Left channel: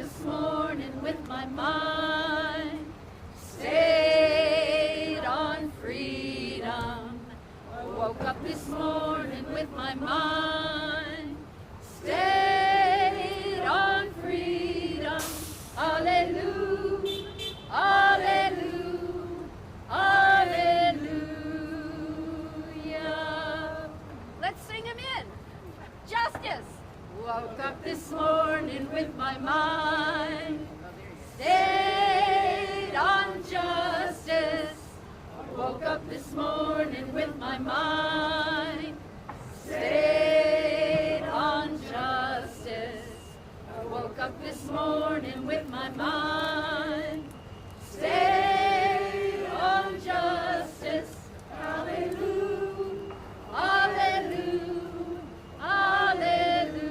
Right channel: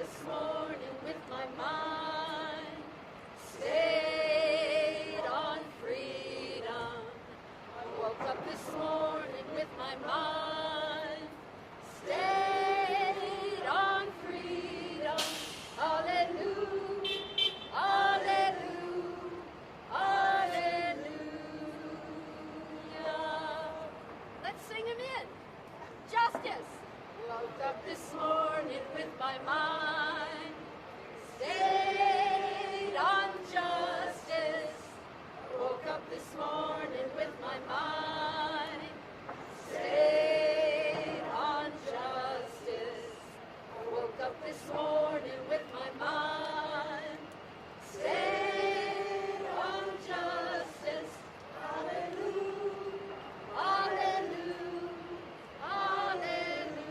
this morning with my mind stayed on freedom. I woke up this morning with my mind stayed on freedom. Hallelujah, hallelujah, hallelujah. Let's sing them in. Justice. Woke up this morning with my mind stayed on justice. I woke up this morning with my mind stayed on justice. I woke up this morning with my mind stayed on justice. Hallelujah, hallelujah, hallelujah.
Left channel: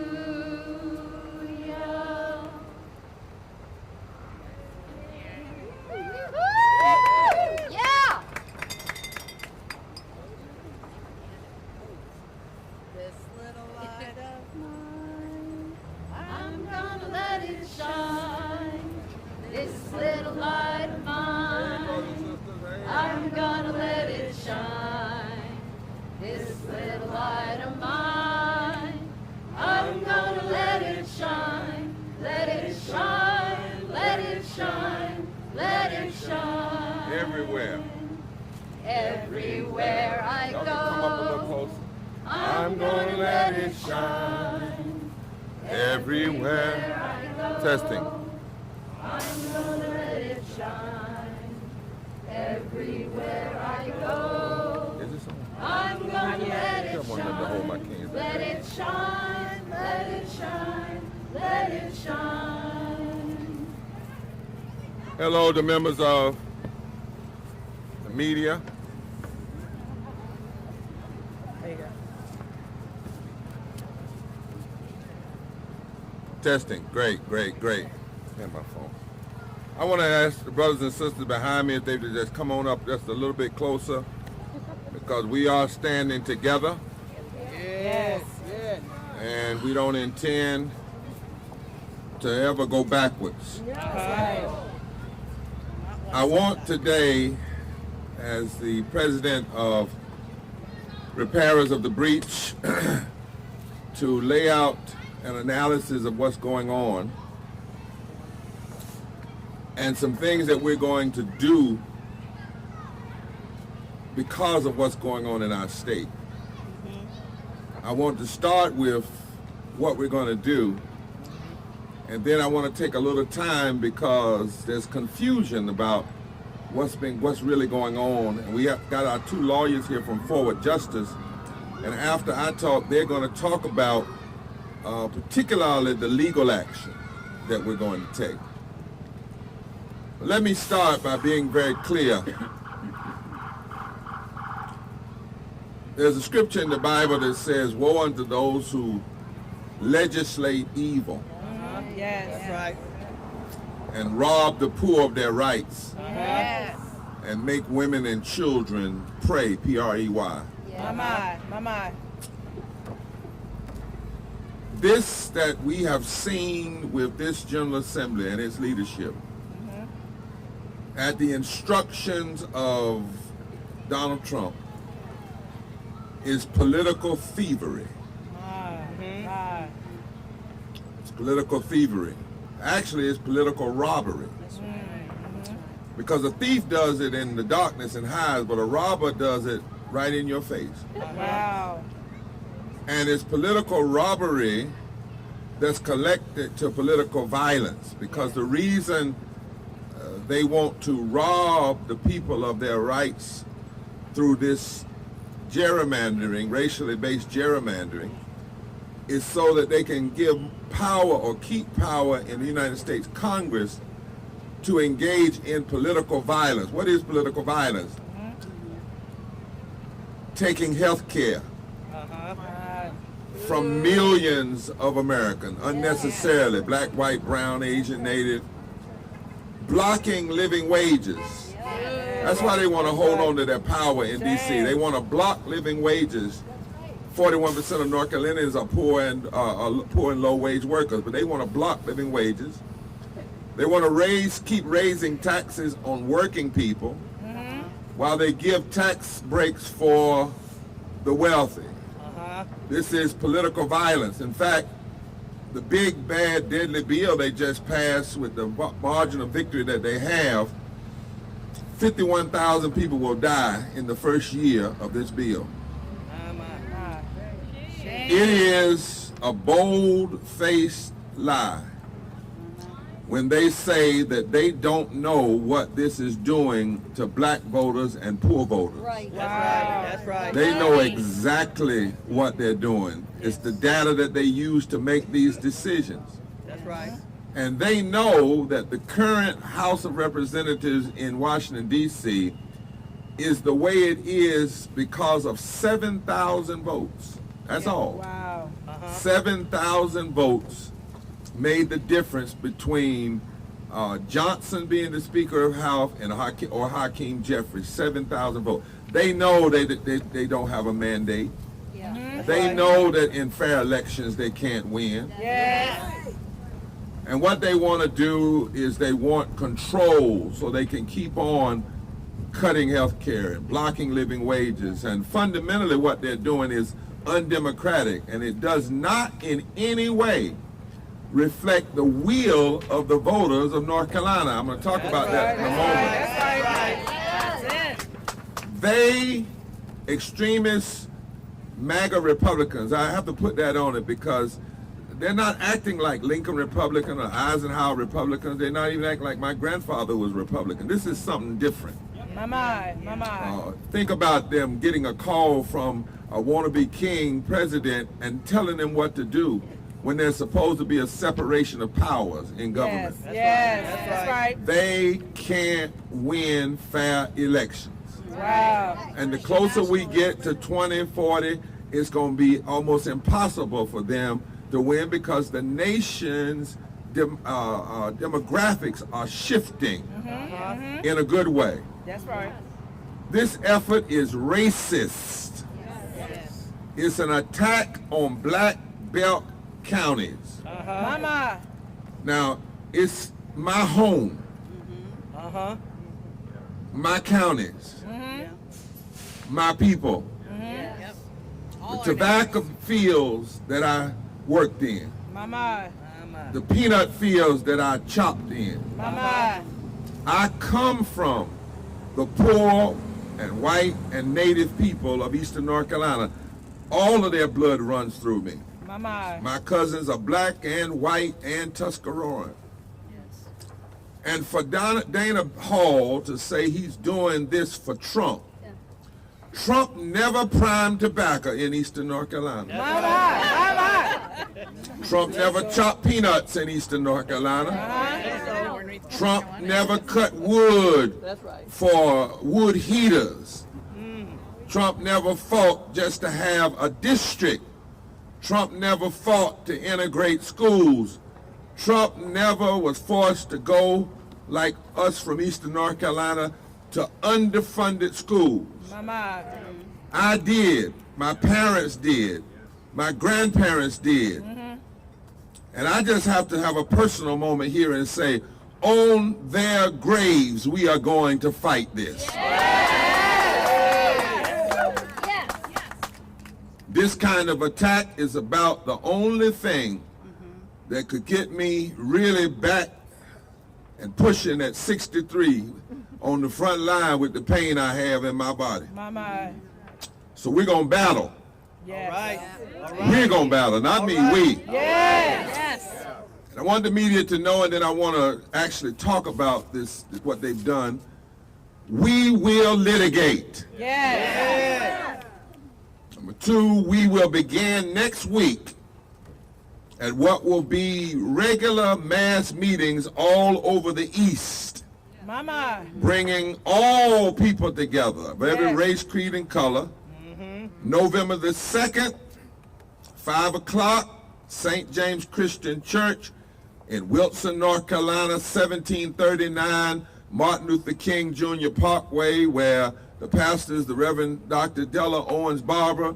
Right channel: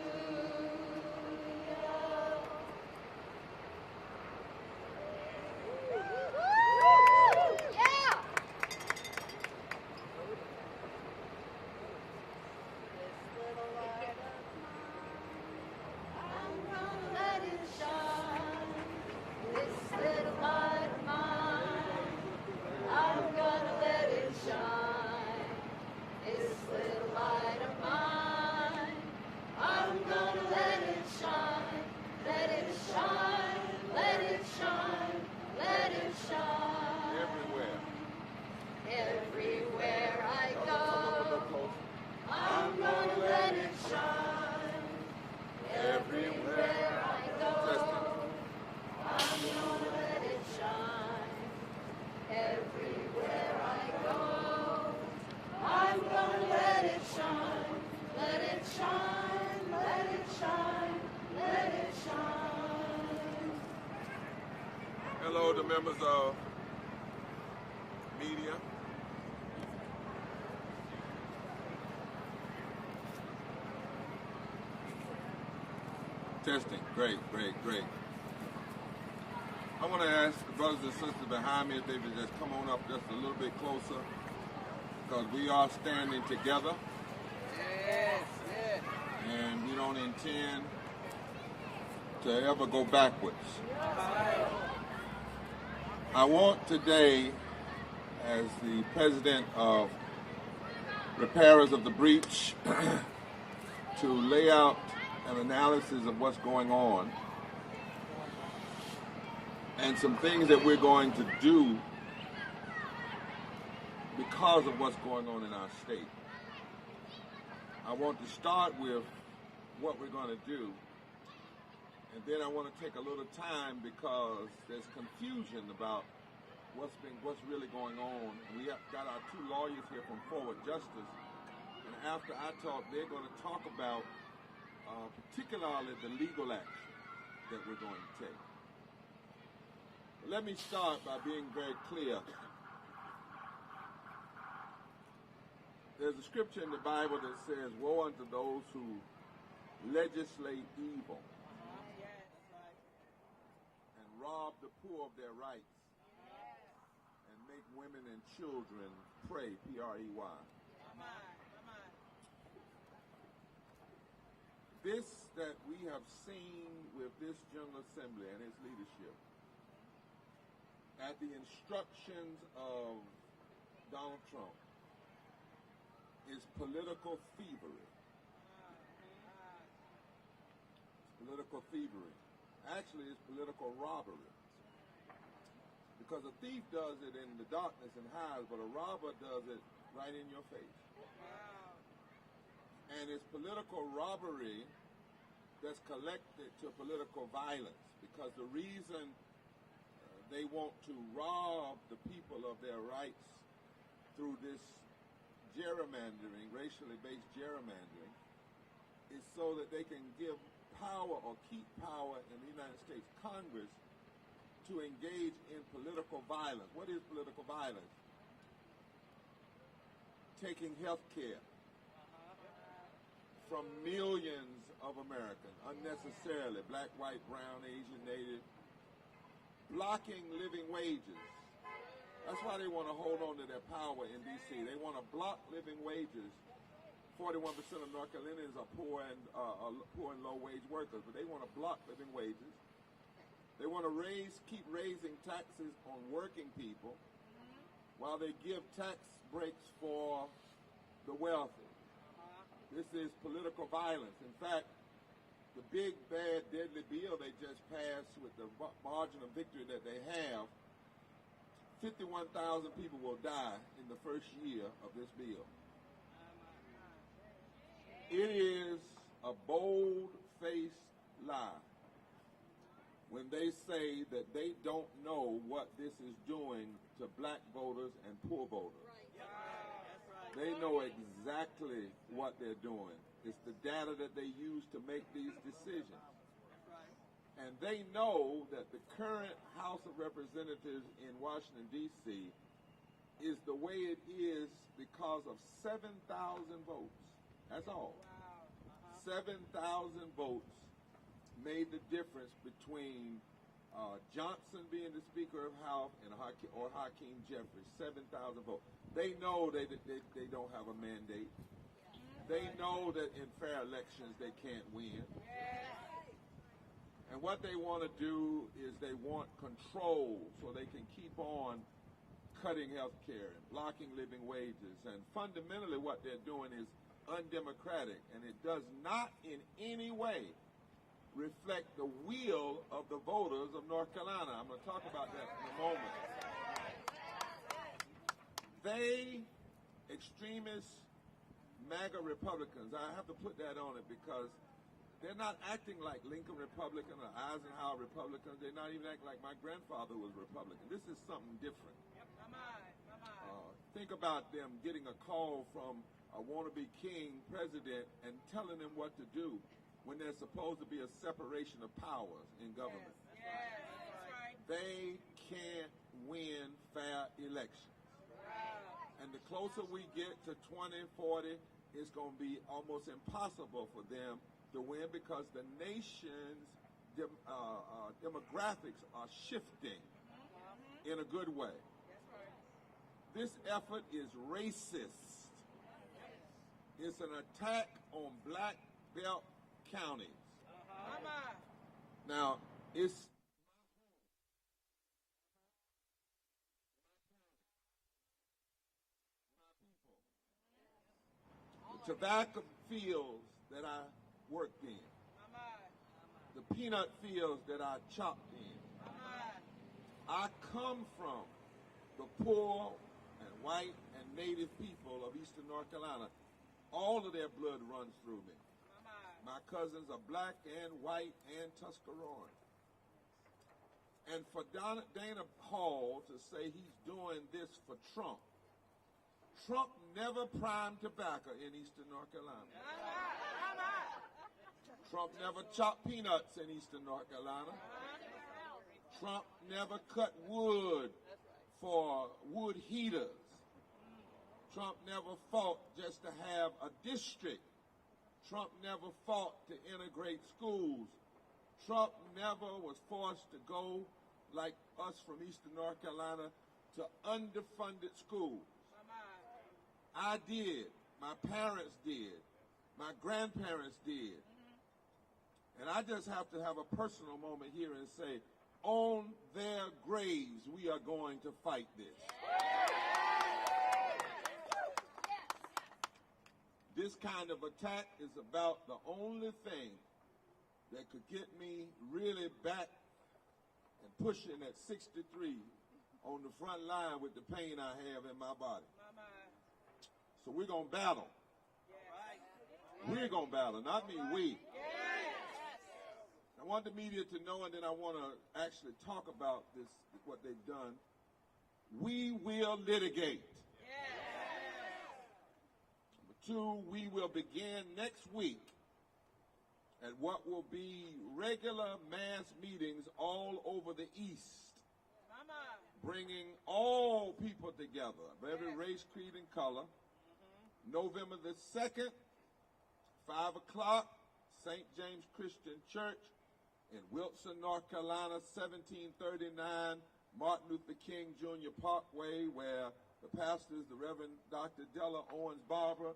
Yeah! This little light of mine, I'm gonna let it shine. This little light of mine, I'm gonna let it shine. This little light of mine, I'm gonna let it shine. Let it shine, let it shine, let it shine. Everywhere. Everywhere I Come up a little go, closer. I'm gonna let it shine. Everywhere. I go, Testing. I'm gonna let it shine. Everywhere I go, Is this I'm gonna let it Come on, let me hold my shine. can. Let it shine, let it shine, let it shine. Hello to members of the media. There you go. Testing. Great, great, great. And my phone. I want to ask the brothers and sisters behind me if they could just come on up just a little bit closer, because we are standing together Yes. Yeah. and we don't intend to ever go backwards. I want today, as the president of Repairers of the Breach, to lay out an analysis of what's going on and some things that we're going to do because of what's going on in our state. I want to start with what we're going to do, and then I want to take a little time because there's confusion about what's really going on. And we have got our two lawyers here from Forward Justice, and after I talk, they're going to talk about particularly the legal action that we're going to take. Let me start by being very clear. There's a scripture in the Bible that says, "Woe unto those who legislate evil Yes. That's right. and rob the poor of their rights Yes. and make women and children pray," P-R-E-Y. My my. This that we have seen with this General Assembly and its leadership, at the instructions of Donald Trump, is political thievery. It's political thievery. Actually, it's political robbery. Because a thief does it in the darkness and hides, but a robber does it right in your face. Wow. And it's political robbery that's connected to political violence, because the reason they want to rob the people of their rights through this gerrymandering, racially based gerrymandering, is so that they can give power or keep power in the United States Congress to engage in political violence. What is political violence? Taking health care from millions of Americans unnecessarily, black, white, brown, Asian, Native, blocking living wages. That's why they want to hold on to their power in D.C. They want to block living wages. 41% of North Carolinians are poor and low wage workers, but they want to block living wages. They want to keep raising taxes on working people while they give tax breaks for the wealthy. This is political violence. In fact, the big, bad, deadly bill they just passed with the margin of victory that they have, 51,000 people will die in the first year of this bill. It is a bold-faced lie when they say that they don't know what this is doing to black voters and poor voters. Right. That's right. They know exactly what they're doing. It's the data that they use to make these decisions. That's right. And they know that the current House of Representatives in Washington, D.C. is the way it is because of 7,000 votes. That's all. Wow. 7,000 votes made the difference between Johnson being the Speaker of House and Hakeem Jeffries. 7,000 votes. They know they don't have a mandate. Yeah. They know that in fair elections they can't win. Yes. And what they want to do is they want control so they can keep on cutting health care and blocking living wages. And fundamentally what they're doing is undemocratic, and it does not in any way reflect the will of the voters of North Carolina. I'm going to talk about that in a moment. That's it. They, extremist MAGA Republicans, I have to put that on it because they're not acting like Lincoln Republican or Eisenhower Republicans. They're not even acting like my grandfather was Republican. This is something different. My. Think about them getting a call from a wannabe king president and telling them what to do when there's supposed to be a separation of powers in government. Yes. That's right. They can't win fair elections. Wow. And the closer we get to 2040, it's going to be almost impossible for them to win because the nation's demographics are shifting in a good way. That's right. This effort is racist. It's an attack on black belt counties. My. Now, it's my home, my counties, my people, the tobacco fields that I worked in, My. the peanut fields that I chopped in. My. I come from the poor and white and native people of Eastern North Carolina. All of their blood runs through me. My. My cousins are black and white and Tuscaroran. And for Dana Hall to say he's doing this for Trump, Trump never primed tobacco in Eastern North Carolina. My. Trump never chopped peanuts in Eastern North Carolina. Trump never cut wood for wood heaters. Trump never fought just to have a district. Trump never fought to integrate schools. Trump never was forced to go, like us from Eastern North Carolina, to underfunded schools. My. I did. My parents did. My grandparents did. And I just have to have a personal moment here and say, on their graves, we are going to fight this. This kind of attack is about the only thing that could get me really back and pushing at 63 on the front line with the pain I have in my body. My. So we're going to battle. Yes. All right. We're going to battle, not me, we. Yes. I want the media to know, and then I want to actually talk about this, what they've done. We will litigate. Yes. Number two, we will begin next week at what will be regular mass meetings all over the East, My. bringing all people together of every Yes. race, creed, and color. November the 2nd, 5 o'clock, St. James Christian Church in Wilson, North Carolina, 1739 Martin Luther King Jr. Parkway, where the pastor is the Reverend Dr. Della Owens Barber.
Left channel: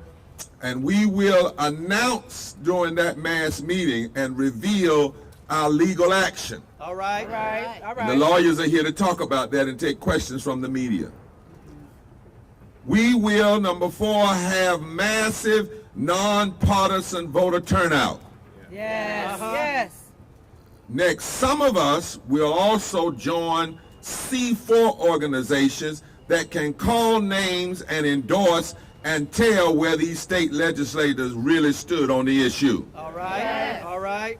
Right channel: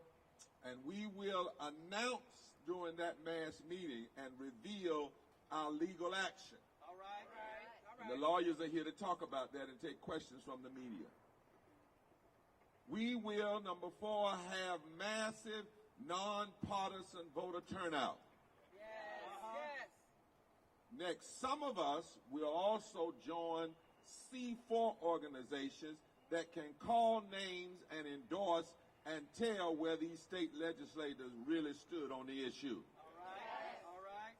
And we will announce during that mass meeting and reveal our legal action. All right. All And the right. lawyers are here to talk about that and take questions from the media. We will, number 4, have massive nonpartisan voter turnout. Yes. Yes. Next, some of us will also join C4 organizations that can call names and endorse and tell where these state legislators really stood on the issue. All right. All right.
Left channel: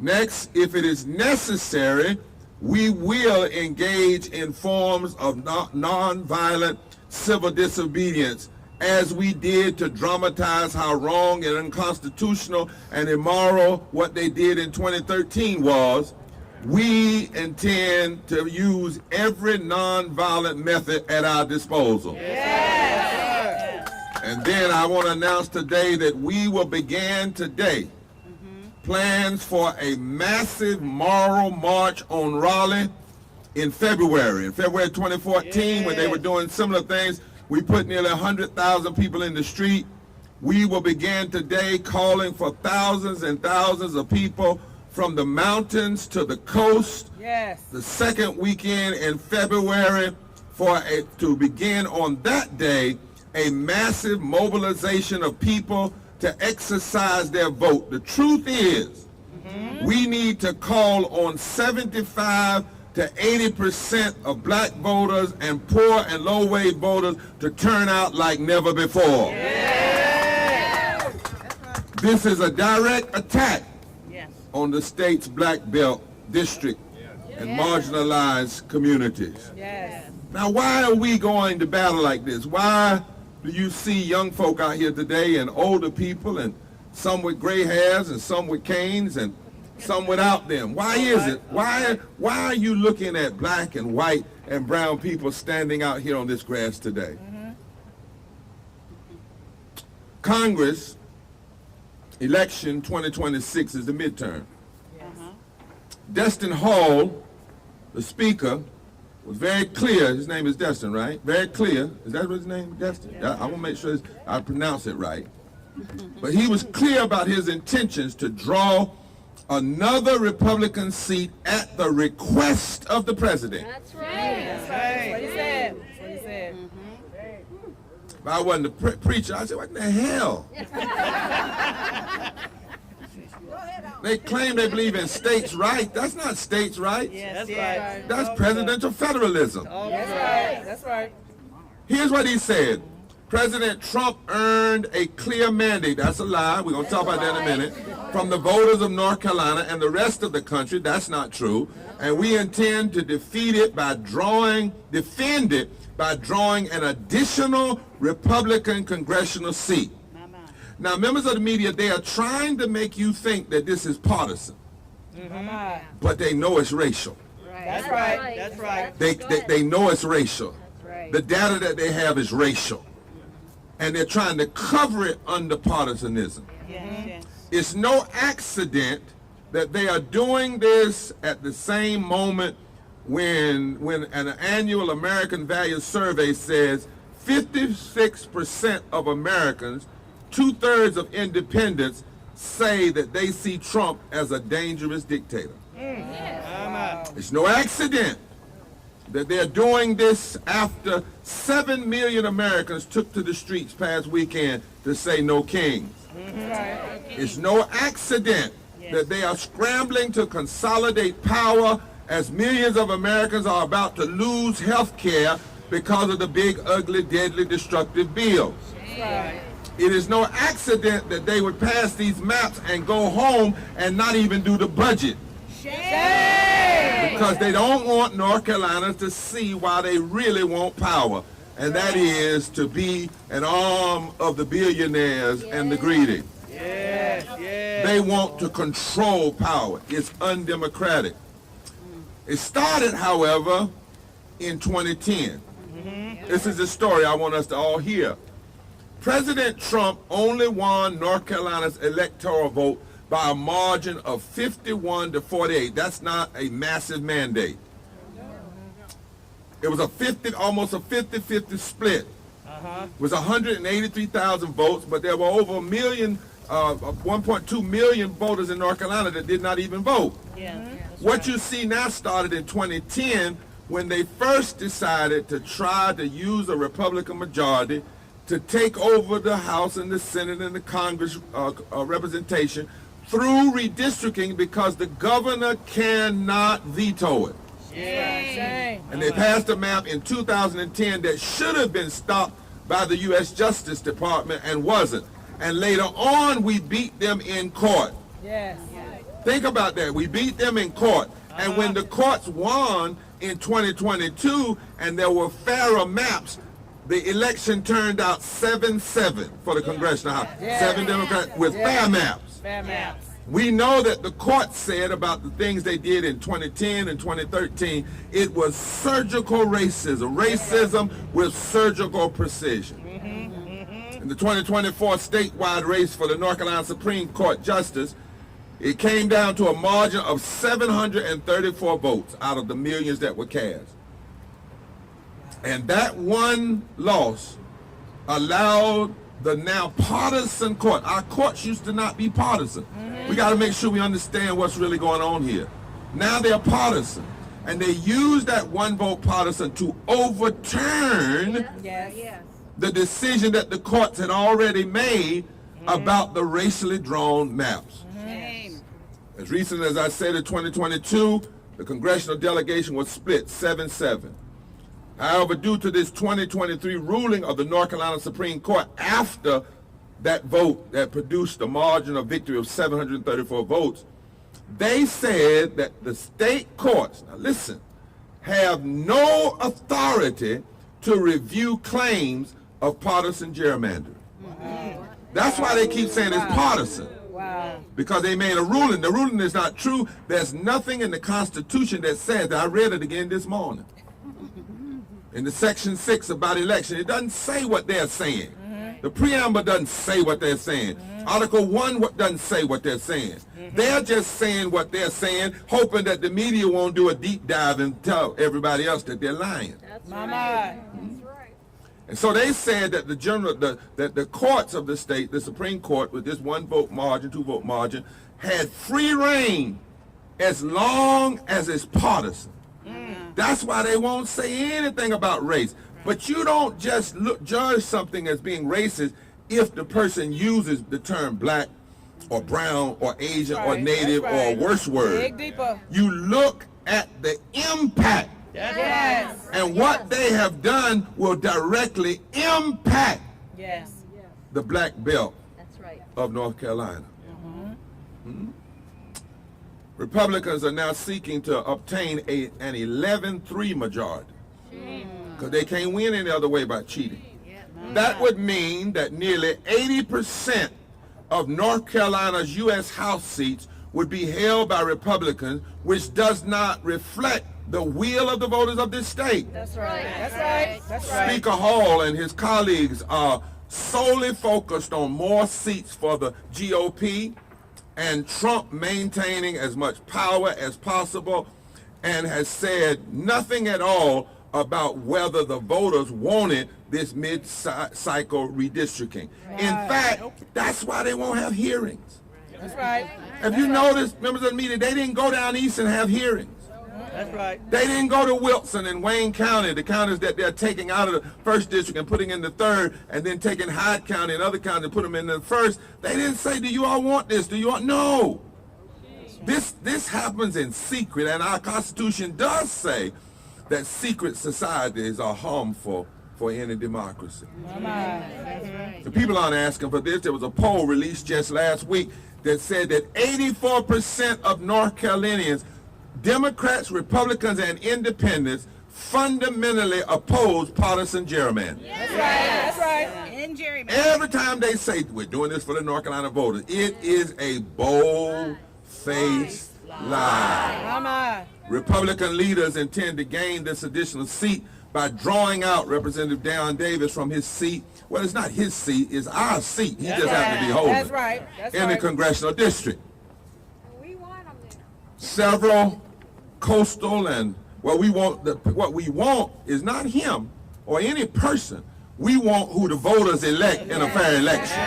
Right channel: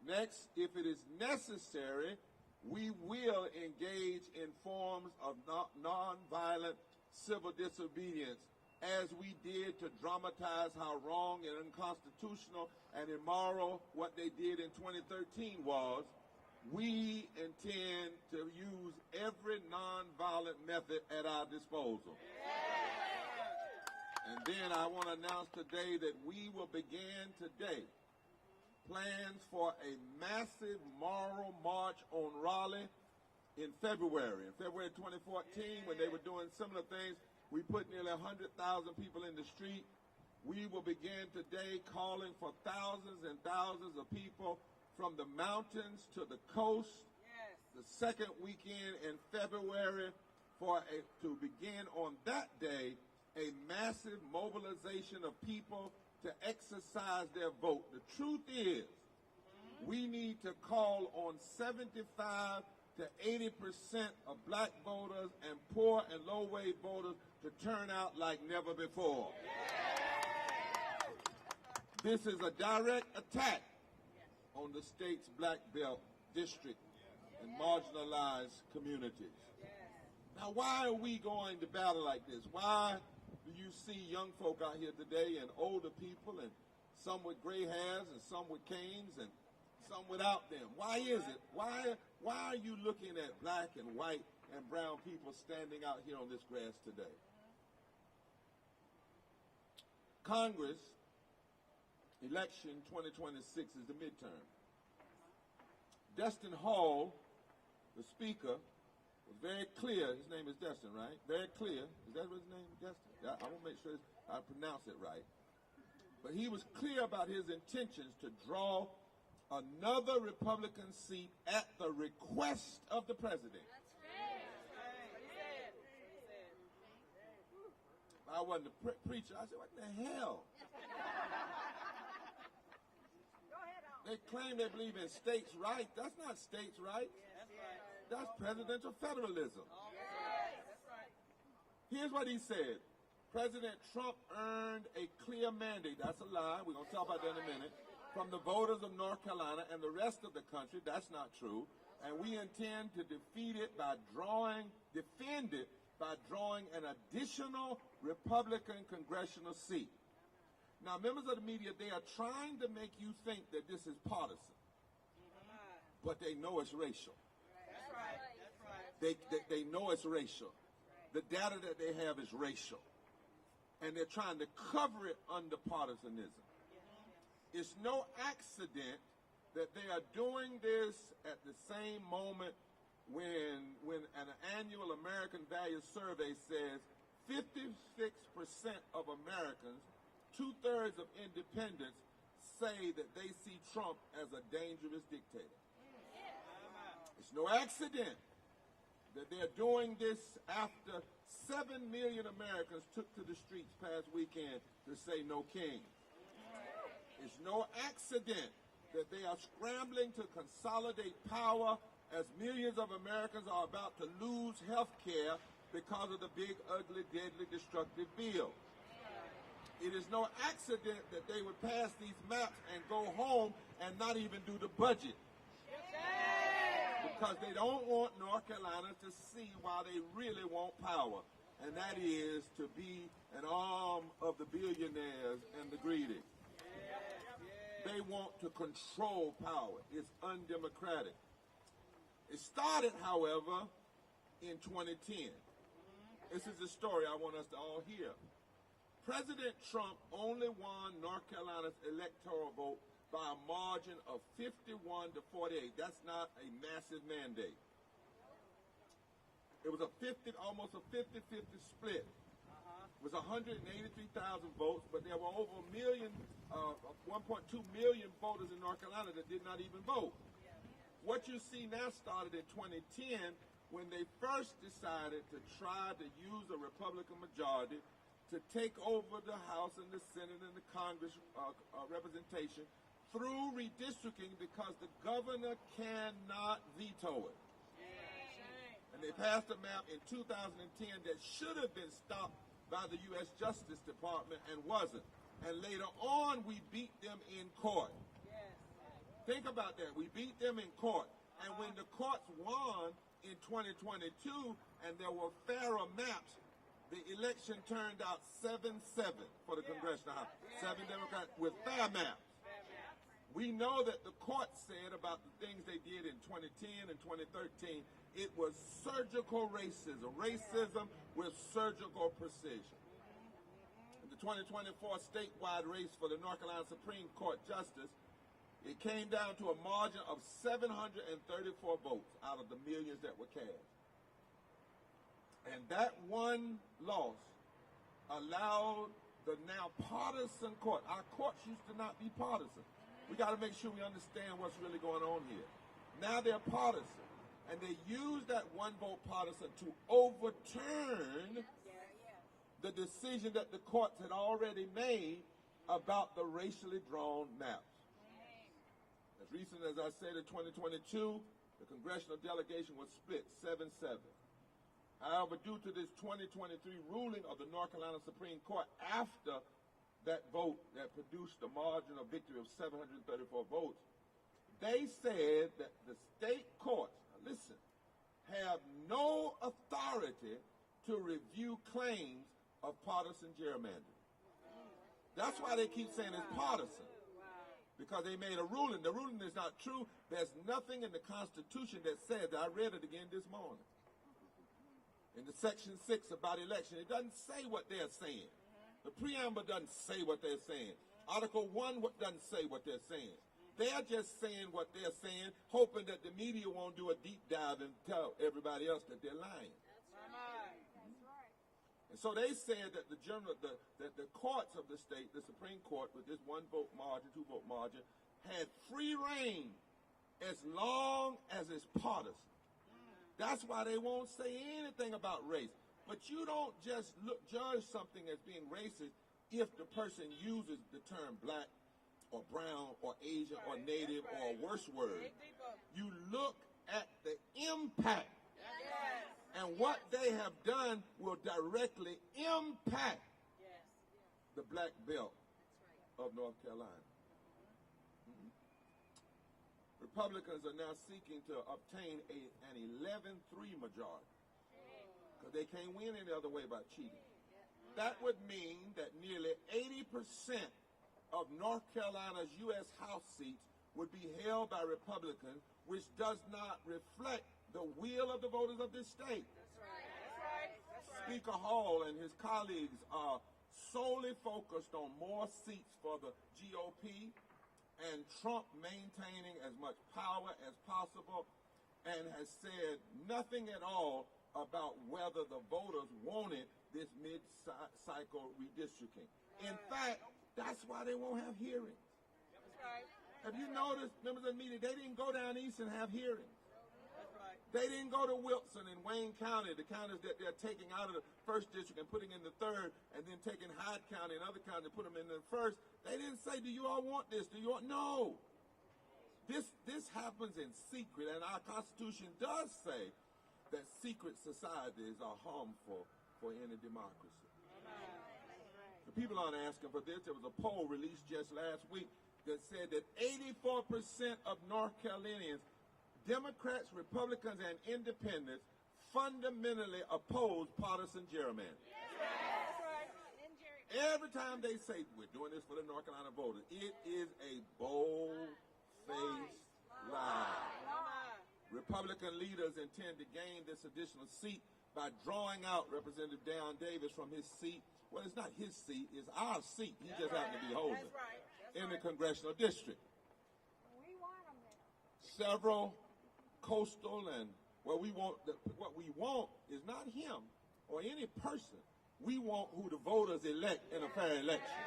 Next, if it is necessary, we will engage in forms of nonviolent civil disobedience, as we did to dramatize how wrong and unconstitutional and immoral what they did in 2013 was. We intend to use every nonviolent method at our disposal. Yes. And then I want to announce today that we will begin today plans for a massive moral march on Raleigh in February 2014, when they were doing similar things. We put nearly 100,000 people in the street. We will begin today calling for thousands and thousands of people from the mountains to the coast. Yes. The second weekend in February to begin on that day a massive mobilization of people to exercise their vote. The truth is, we need to call on 75 to 80% of black voters and poor and low-wage voters to turn out like never before. Yes. This is a direct attack Yes. on the state's black belt district and marginalized communities. Yes. Now, why are we going to battle like this? Why do you see young folk out here today and older people, and some with gray hairs and some with canes and some without them? Why is it? Why are you looking at black and white and brown people standing out here on this grass today? Congress election 2026 is the midterm. Destin Hall, the speaker, was very clear. His name is Destin, right? Very clear. Is that what his name is, Destin? I want to make sure I pronounce it right. But he was clear about his intentions to draw another Republican seat at the request of the president. That's right. That's right. That's what he said. That's what he said. If I wasn't a preacher, I'd say, what in the hell? They claim they believe in states' rights. That's not states' rights. Yes. That's right. That's presidential federalism. That's right. That's right. Here's what he said. President Trump earned a clear mandate. That's a lie. We're going to talk about that in a minute. From the voters of North Carolina and the rest of the country. That's not true. And we intend to defend it by drawing an additional Republican congressional seat. Now, members of the media, they are trying to make you think that this is partisan, but they know it's racial. That's right. That's right. They know it's racial. Right. The data that they have is racial. And they're trying to cover it under partisanism. Yes. It's no accident that they are doing this at the same moment when an annual American Values Survey says 56% of Americans, 2/3 of independents, say that they see Trump as a dangerous dictator. It's no accident that they're doing this after 7 million Americans took to the streets past weekend to say no kings. It's no accident that they are scrambling to consolidate power as millions of Americans are about to lose health care because of the big, ugly, deadly, destructive bills. It is no accident that they would pass these maps and go home and not even do the budget. Because they don't want North Carolina to see why they really want power, and that is to be an arm of the billionaires and the greedy. Yes. Yes. They want to control power. It's undemocratic. It started, however, in 2010. This is the story I want us to all hear. President Trump only won North Carolina's electoral vote by a margin of 51 to 48. That's not a massive mandate. It was almost a 50-50 split. It was 183,000 votes, but there were over 1 million 1.2 million voters in North Carolina that did not even vote. Yeah. What you see now started in 2010 when they first decided to try to use a Republican majority to take over the House and the Senate and the Congress representation through redistricting, because the governor cannot veto it. Shame. And they passed a map in 2010 that should have been stopped by the U.S. Justice Department and wasn't. And later on, we beat them in court. Yes. Think about that. We beat them in court. And when the courts won in 2022 and there were fairer maps, the election turned out 7-7 for the Congressional House. 7 Democrats with fair maps. Fair maps. We know that the court said about the things they did in 2010 and 2013, it was surgical racism with surgical precision. In the 2024 statewide race for the North Carolina Supreme Court Justice, it came down to a margin of 734 votes out of the millions that were cast. And that one loss allowed the now partisan court. Our courts used to not be partisan. We got to make sure we understand what's really going on here. Now they're partisan. And they use that one vote partisan to overturn Yes. the decision that the courts had already made about the racially drawn maps. As recent as I said in 2022, the congressional delegation was split 7-7. However, due to this 2023 ruling of the North Carolina Supreme Court after that vote that produced a margin of victory of 734 votes, they said that the state courts, now listen, have no authority to review claims of partisan gerrymandering. That's why they keep saying it's partisan. Wow. Because they made a ruling. The ruling is not true. There's nothing in the Constitution that says that. I read it again this morning. In the Section 6 about election, it doesn't say what they're saying. The preamble doesn't say what they're saying. Article 1 doesn't say what they're saying. They're just saying what they're saying, hoping that the media won't do a deep dive and tell everybody else that they're lying. Mama. And so they said that the courts of the state, the Supreme Court, with this 1-vote margin, 2-vote margin, had free reign as long as it's partisan. That's why they won't say anything about race. But you don't just judge something as being racist if the person uses the term black or brown or Asian or native or a worse word. Dig deeper. You look at the impact. Yes. And what they have done will directly impact Yes. the black belt That's right. of North Carolina. Republicans are now seeking to obtain an 11-3 majority because they can't win any other way by cheating. That would mean that nearly 80% of North Carolina's U.S. House seats would be held by Republicans, which does not reflect the will of the voters of this state. That's right. That's right. That's right. Speaker Hall and his colleagues are solely focused on more seats for the GOP and Trump maintaining as much power as possible, and has said nothing at all about whether the voters wanted this mid-cycle redistricting. In fact, that's why they won't have hearings. That's right. Have you noticed, members of the media, they didn't go down east and have hearings. That's right. They didn't go to Wilson and Wayne County, the counties that they're taking out of the 1st district and putting in the 3rd, and then taking Hyde County and other counties and put them in the 1st. They didn't say, do you all want this? Do you want? No. This happens in secret, and our Constitution does say that secret societies are harmful for any democracy. The people aren't asking for this. There was a poll released just last week that said that 84% of North Carolinians, Democrats, Republicans, and Independents, fundamentally oppose partisan gerrymandering. That's right. That's right. In gerrymandering. Every time they say, we're doing this for the North Carolina voters, it is a bold-faced lie. Mama. Republican leaders intend to gain this additional seat by drawing out Representative Darren Davis from his seat. Well, it's not his seat, it's our seat. He just happened to be holding That's right. That's in the right. congressional district. We want them there. Several coastal and what we want is not him or any person. We want who the voters elect in a fair election.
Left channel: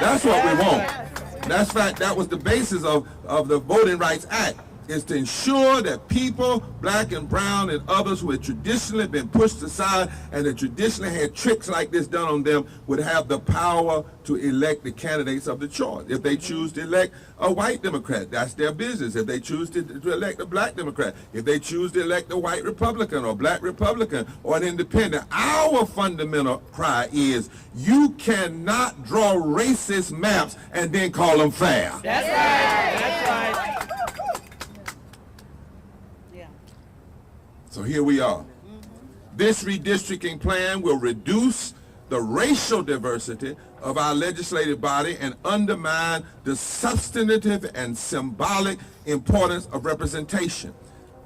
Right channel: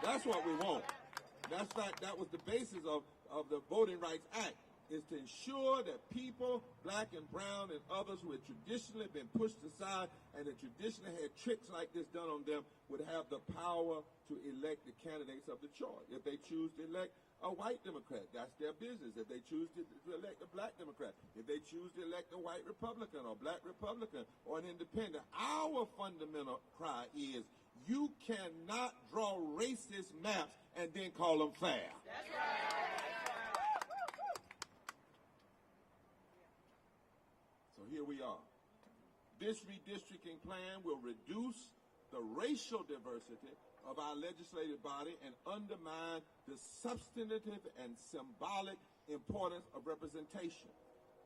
That's what we want. That's right. That was the basis of the Voting Rights Act, is to ensure that people, black and brown and others who had traditionally been pushed aside and that traditionally had tricks like this done on them, would have the power to elect the candidates of the choice. If they choose to elect a white Democrat, that's their business. If they choose to elect a black Democrat, if they choose to elect a white Republican or black Republican or an independent, our fundamental cry is you cannot draw racist maps and then call them fair. That's right. That's right. Yeah. So here we are. This redistricting plan will reduce the racial diversity of our legislative body and undermine the substantive and symbolic importance of representation.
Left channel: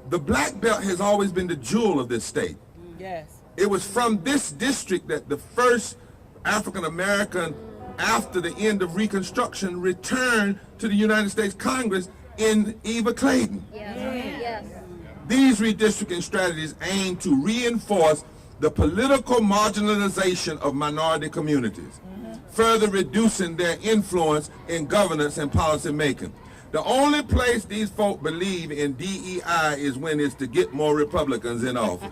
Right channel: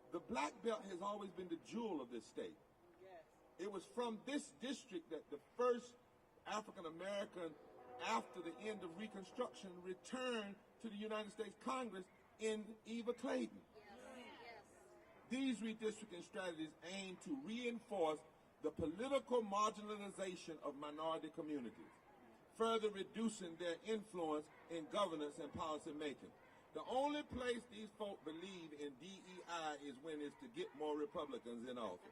The black belt has always been the jewel of this state. Yes. It was from this district that the first African American, after the end of Reconstruction, returned to the United States Congress in Eva Clayton. Yes. These redistricting strategies aim to reinforce the political marginalization of minority communities, further reducing their influence in governance and policy making. The only place these folk believe in DEI is when it's to get more Republicans in office.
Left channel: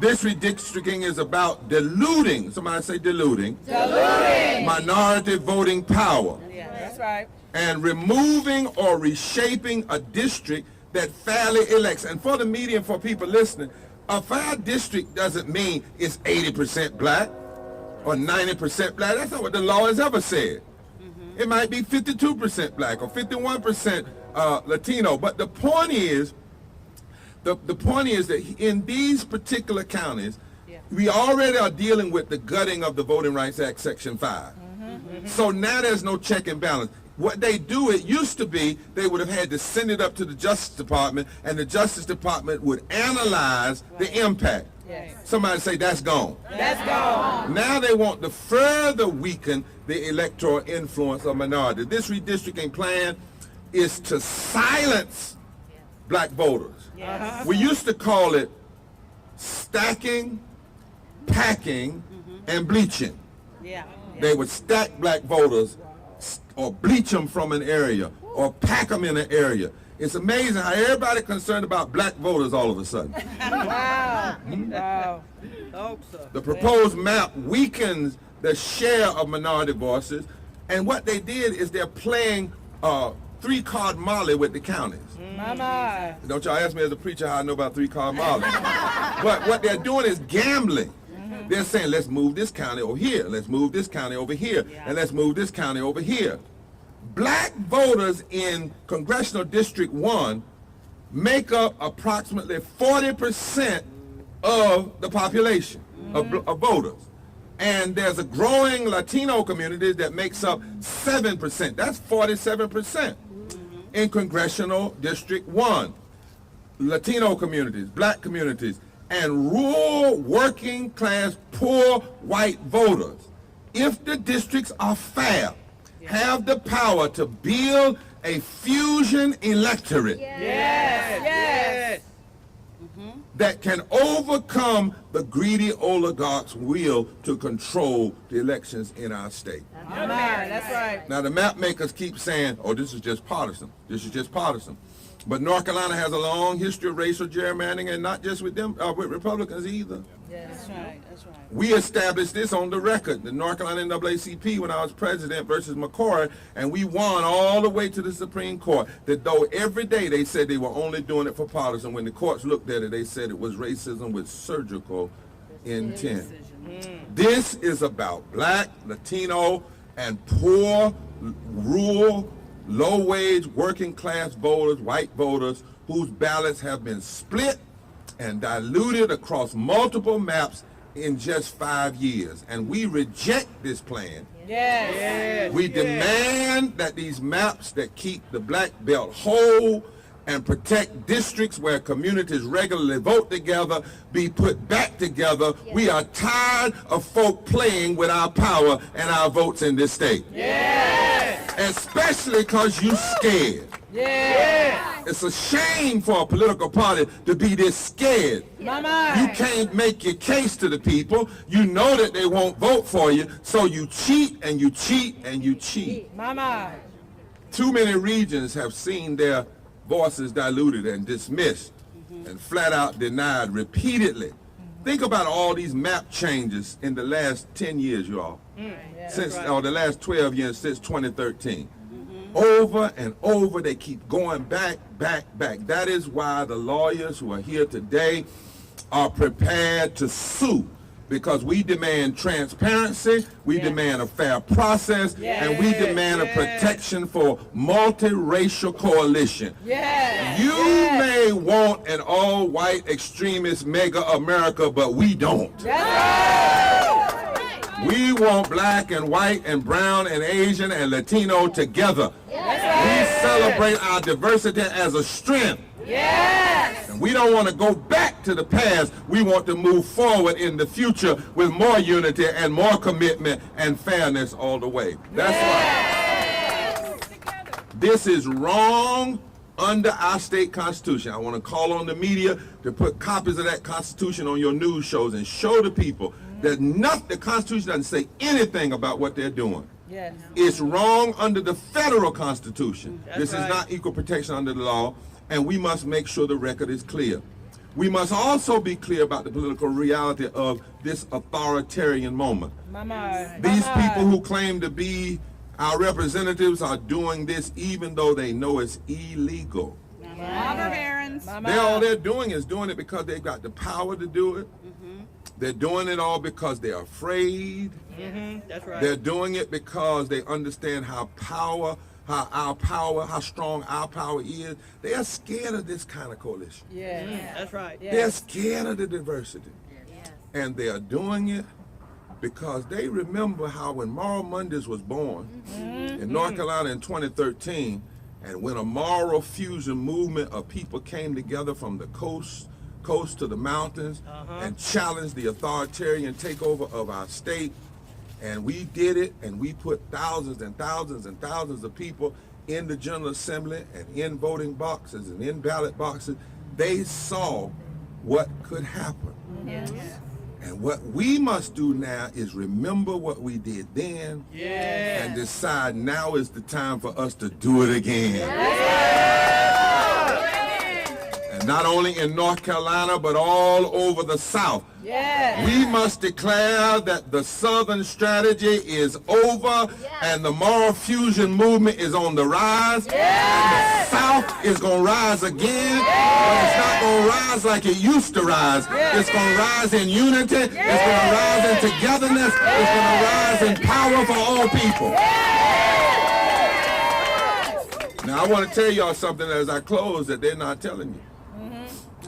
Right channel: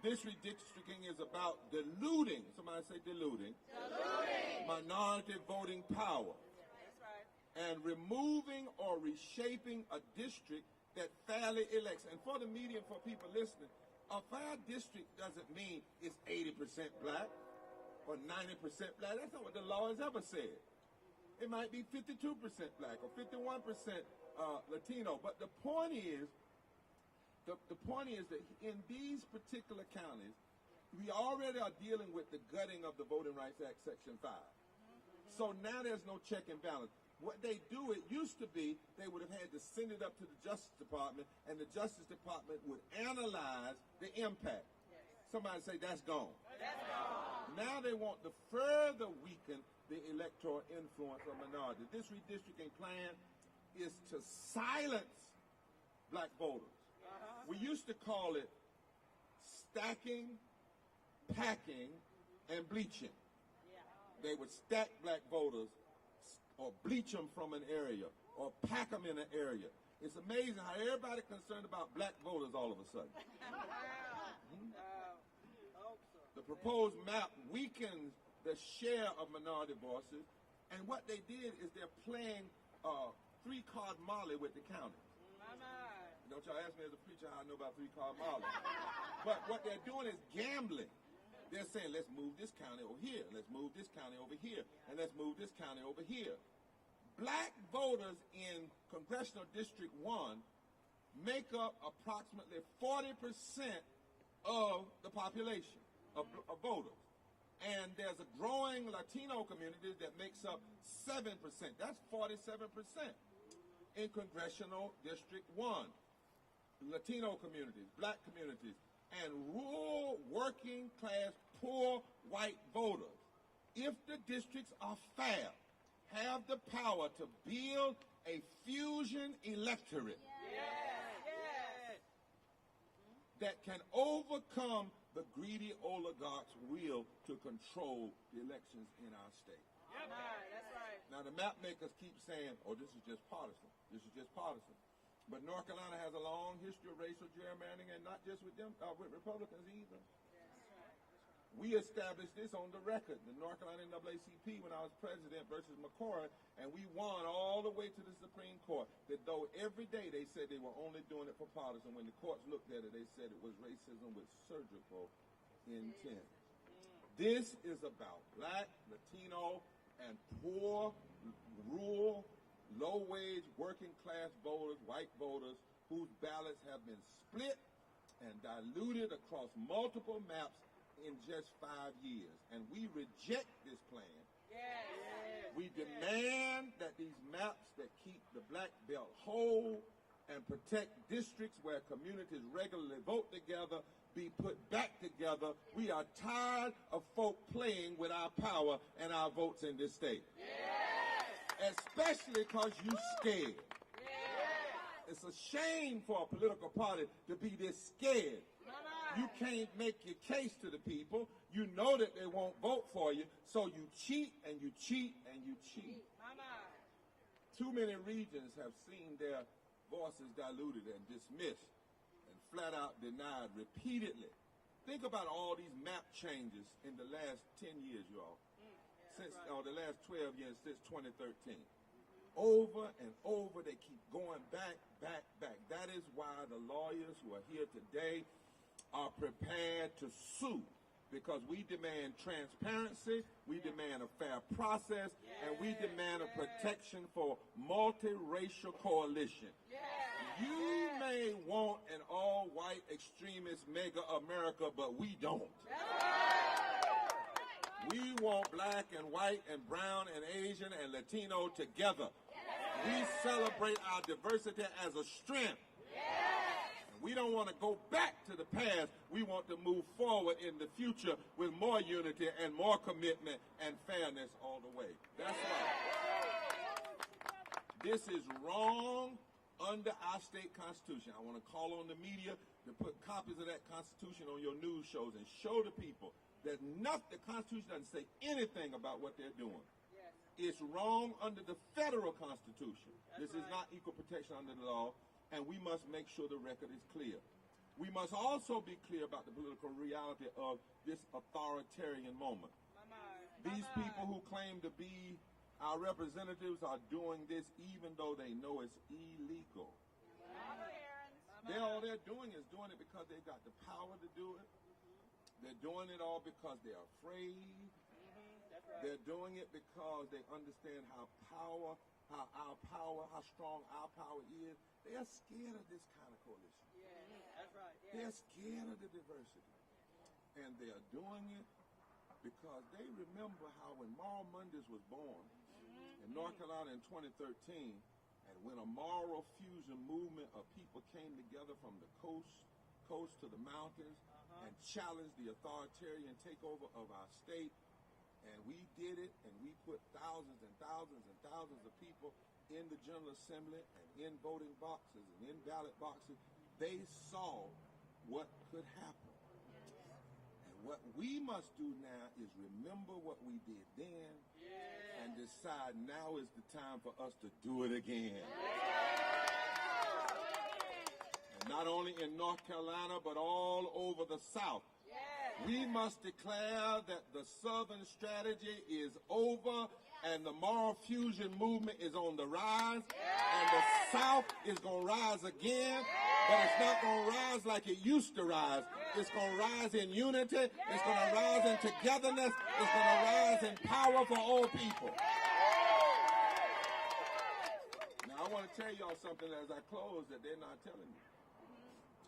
This redistricting is about diluting, somebody say diluting, minority voting power, Yeah, that's right. and removing or reshaping a district that fairly elects. And for the media and for people listening, a fair district doesn't mean it's 80% black or 90% black. That's not what the law has ever said. It might be 52% black or 51% Latino. But the point is that in these particular counties, we already are dealing with the gutting of the Voting Rights Act, Section 5. So now there's no check and balance. What they do, it used to be, they would have had to send it up to the Justice Department, and the Justice Department would analyze the impact. Yes. Somebody say, that's gone. That's gone. Now they want to further weaken the electoral influence of minorities. This redistricting plan is to silence black voters. Yes. We used to call it stacking, packing, and bleaching. Yeah. They would stack black voters or bleach them from an area or pack them in an area. It's amazing how everybody concerned about black voters all of a sudden. Wow. Wow. Hope so. The proposed map weakens the share of minority voices, and what they did is they're playing three-card Molly with the counties. Mama. Don't y'all ask me as a preacher how I know about three-card Molly. But what they're doing is gambling. They're saying, let's move this county over here, let's move this county over here, and let's move this county over here. Black voters in Congressional District 1 make up approximately 40% of the population of voters. And there's a growing Latino community that makes up 7%. That's 47% in Congressional District 1. Latino communities, black communities, and rural, working class, poor white voters, if the districts are fair, have the power to build a fusion electorate Yes. Yes. that can overcome the greedy oligarchs' will to control the elections in our state. Mama. That's right. Now the map makers keep saying, oh, this is just partisan. This is just partisan. But North Carolina has a long history of racial gerrymandering, and not just with them, with Republicans either. That's right. That's right. We established this on the record, the North Carolina NAACP, when I was president versus McCoy, and we won all the way to the Supreme Court. That though every day they said they were only doing it for partisan, when the courts looked at it, they said it was racism with surgical intent. This is about black, Latino, and poor, rural, low-wage, working-class voters, white voters, whose ballots have been split and diluted across multiple maps in just 5 years. And we reject this plan. Yes. Yes. We demand that these maps that keep the black belt whole and protect districts where communities regularly vote together be put back together. We are tired of folk playing with our power and our votes in this state. Yes. Especially because you scared. Yeah. It's a shame for a political party to be this scared. Mama. You can't make your case to the people. You know that they won't vote for you, so you cheat and you cheat and you cheat. Mama. Too many regions have seen their voices diluted and dismissed and flat out denied repeatedly. Think about all these map changes in the last 10 years, you all. Or the last 12 years since 2013. Over and over, they keep going back. That is why the lawyers who are here today are prepared to sue, because we demand transparency, we demand a fair process, and we demand a protection for multiracial coalition. You may want an all-white extremist mega America, but we don't. We want black and white and brown and Asian and Latino together. We celebrate our diversity as a strength. And we don't want to go back to the past. We want to move forward in the future with more unity and more commitment and fairness all the way. That's why this is wrong under our state constitution. I want to call on the media to put copies of that constitution on your news shows and show the people that the Constitution doesn't say anything about what they're doing. It's wrong under the federal Constitution. This is not equal protection under the law, and we must make sure the record is clear. We must also be clear about the political reality of this authoritarian moment. These people who claim to be our representatives are doing this even though they know it's illegal. All they're doing is doing it because they've got the power to do it. They're doing it all because they're afraid. They're doing it because they understand how strong our power is. They are scared of this kind of coalition. They're scared of the diversity. And they are doing it because they remember how when Moral Mondays was born in North Carolina in 2013, and when a moral fusion movement of people came together from the coast to the mountains and challenged the authoritarian takeover of our state. And we did it, and we put thousands and thousands and thousands of people in the General Assembly and in voting boxes and in ballot boxes. They saw what could happen. And what we must do now is remember what we did then and decide now is the time for us to do it again. And not only in North Carolina, but all over the South. We must declare that the Southern strategy is over and the moral fusion movement is on the rise. And the South is going to rise again, but it's not going to rise like it used to rise. It's going to rise in unity. It's going to rise in togetherness. It's going to rise in power for all people. Now, I want to tell y'all something as I close that they're not telling you.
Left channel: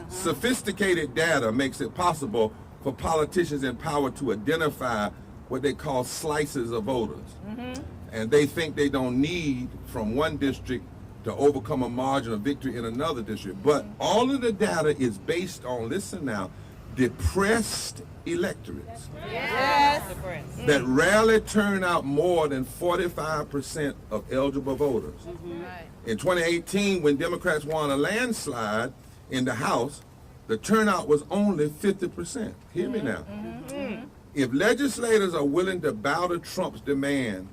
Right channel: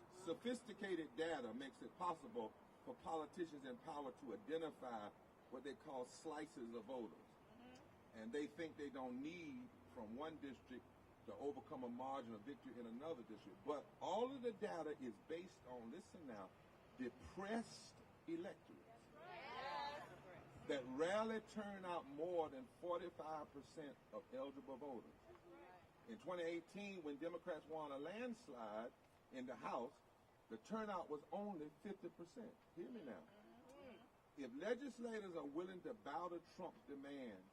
Sophisticated data makes it possible for politicians in power to identify what they call slices of voters. And they think they don't need from one district to overcome a margin of victory in another district. But all of the data is based on, listen now, depressed electorates that rarely turn out more than 45% of eligible voters. In 2018, when Democrats won a landslide in the House, the turnout was only 50%. Hear me now. If legislators are willing to bow to Trump's demand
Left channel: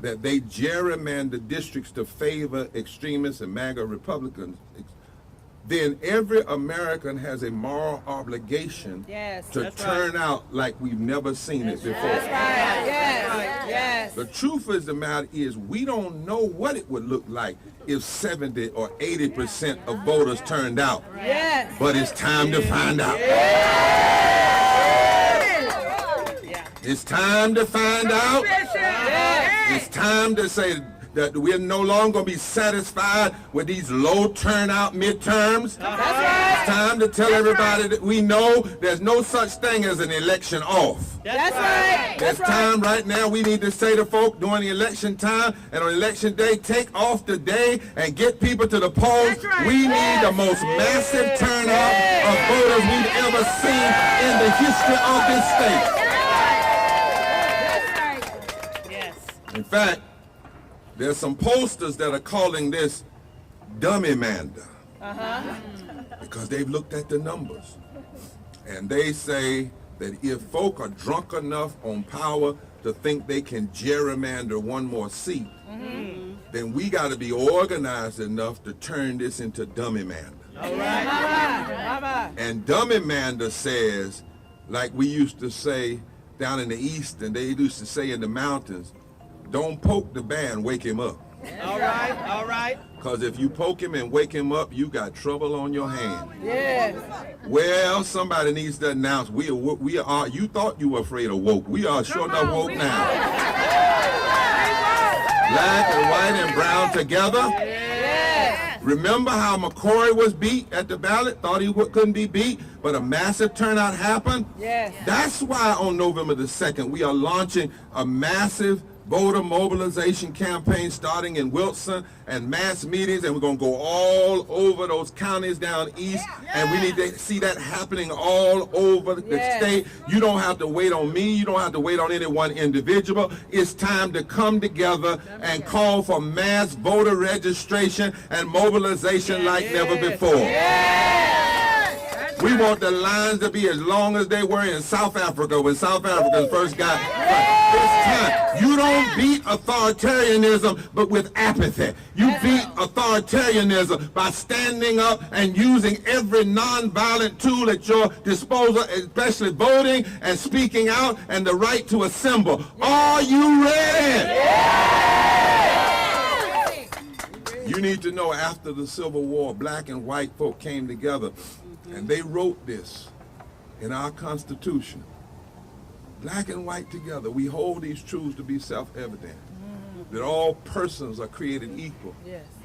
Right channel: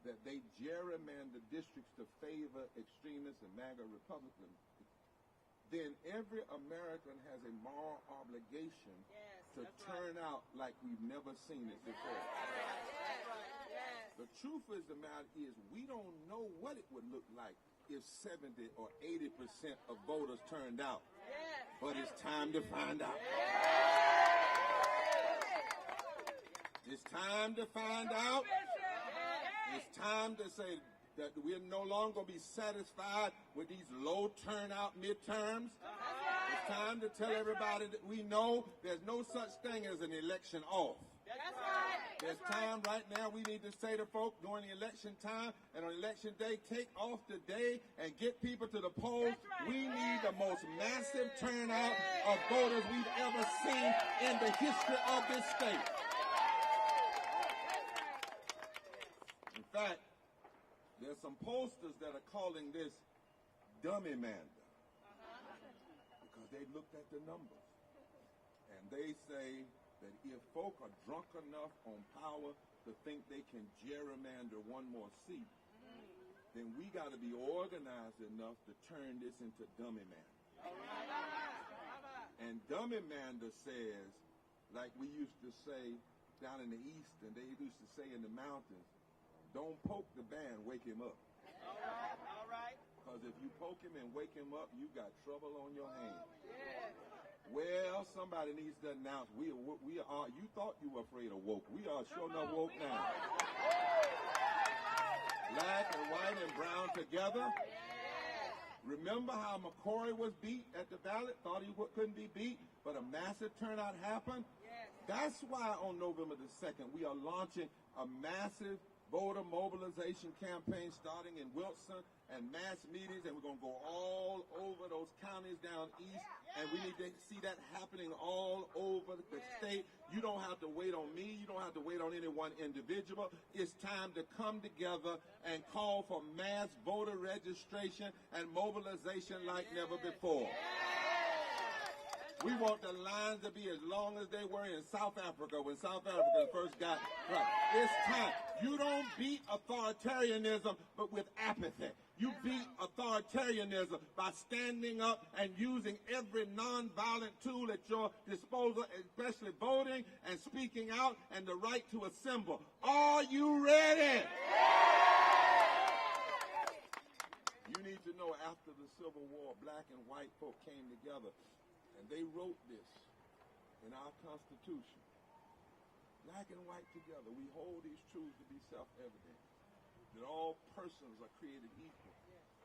that they gerrymander districts to favor extremists and MAGA Republicans, then every American has a moral obligation to turn out like we've never seen it before. The truth of the matter is we don't know what it would look like if 70 or 80% of voters turned out. But it's time to find out. It's time to find out. It's time to say that we're no longer going to be satisfied with these low turnout midterms. It's time to tell everybody that we know there's no such thing as an election off. There's time right now we need to say to folk during the election time and on election day, take off the day and get people to the polls. We need the most massive turnout of voters we've ever seen in the history of this state. In fact, there's some posters that are calling this dummy-mander. Because they've looked at the numbers. And they say that if folk are drunk enough on power to think they can gerrymander one more seat, then we got to be organized enough to turn this into dummy-mander. All right. And dummy-mander says, like we used to say down in the East, and they used to say in the mountains, don't poke the bear and wake him up. All right. Because if you poke him and wake him up, you got trouble on your hands. Yes. Well, somebody needs to announce, we are, you thought you were afraid of woke. We are sure enough woke now. Black and white and brown together. Yes. Remember how McCory was beat at the ballot? Thought he couldn't be beat, but a massive turnout happened? Yes. That's why on November the 2nd, we are launching a massive voter mobilization campaign starting in Wilson and mass meetings, and we're going to go all over those counties down east, and we need to see that happening all over the state. You don't have to wait on me. You don't have to wait on any one individual. It's time to come together and call for mass voter registration and mobilization like never before. We want the lines to be as long as they were in South Africa when South Africans first got this time. You don't beat authoritarianism but with apathy. You beat authoritarianism by standing up and using every nonviolent tool at your disposal, especially voting and speaking out and the right to assemble. Are you ready? You need to know, after the Civil War, black and white folk came together and they wrote this in our Constitution. Black and white together, we hold these truths to be self-evident, that all persons are created equal,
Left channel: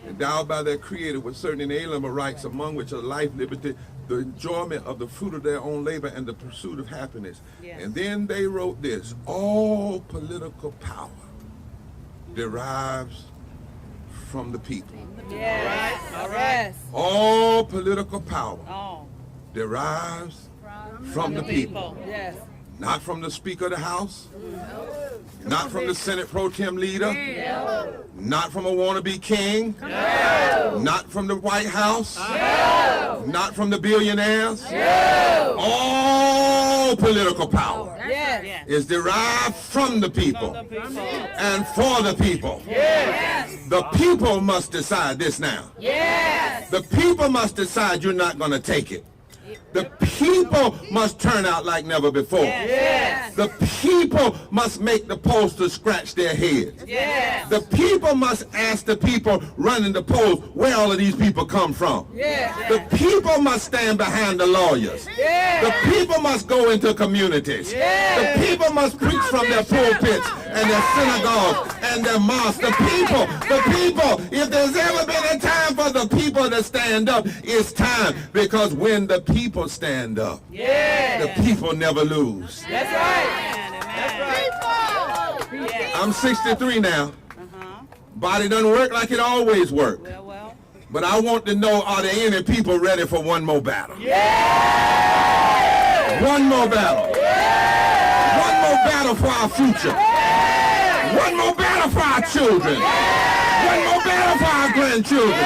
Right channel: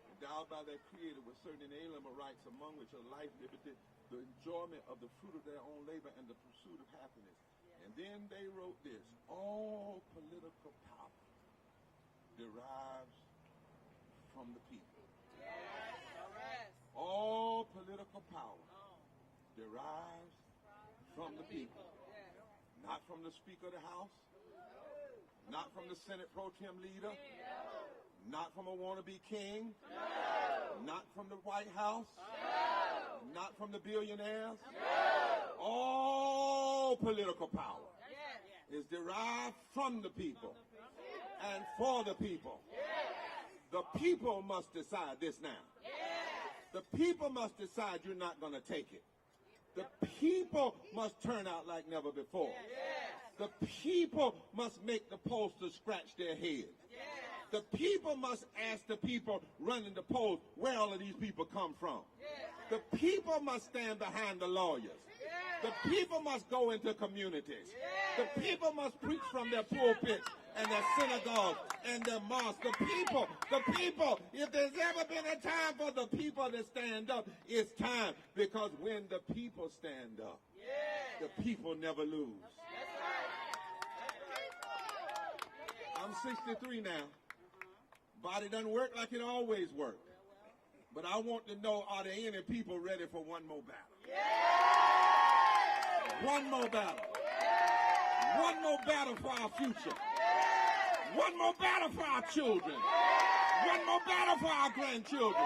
endowed by their Creator with certain inalienable rights, among which are life, liberty, the enjoyment of the fruit of their own labor, and the pursuit of happiness. And then they wrote this: all political power derives from the people. All right. All political power derives from the people. Yes. Not from the Speaker of the House, not from the Senate Pro Tem leader, not from a wannabe king, not from the White House, not from the billionaires. All political power is derived from the people and for the people. The people must decide this now. The people must decide you're not going to take it. The people must turn out like never before. The people must make the pollsters scratch their heads. The people must ask the people running the polls where all of these people come from. The people must stand behind the lawyers. The people must go into communities. The people must preach from their pulpits and their synagogues and their mosques. The people, if there's ever been a time for the people to stand up, it's time. Because when the people stand up, the people never lose. That's right. I'm 63 now. Body doesn't work like it always worked. But I want to know, are there any people ready for one more battle? One more battle. One more battle for our future. One more battle for our children. One more battle for our grandchildren.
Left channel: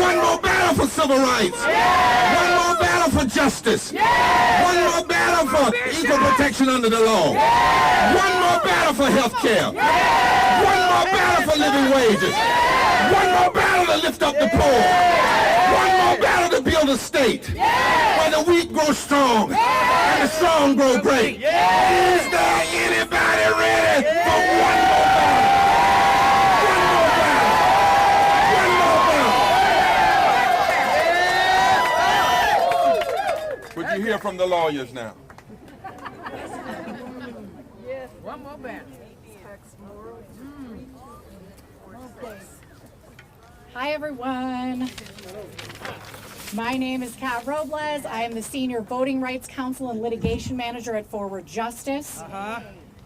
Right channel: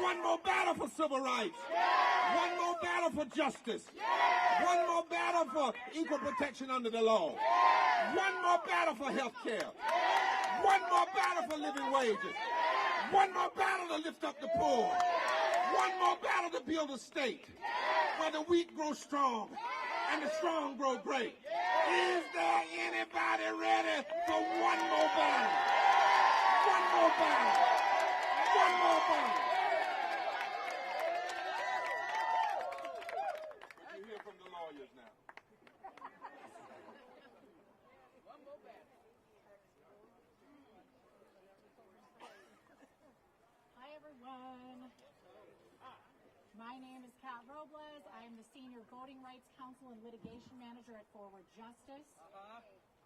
One more battle for civil rights. One more battle for justice. One more battle for equal protection under the law. One more battle for health care. One more battle for living wages. One more battle to lift up the poor. One more battle to build a state where the weak grow strong and the strong grow great. Is there anybody ready for one more battle? Would you hear from the lawyers now? One more battle. Hi, everyone. My name is Kat Robles. I am the Senior Voting Rights Counsel and Litigation Manager at Forward Justice.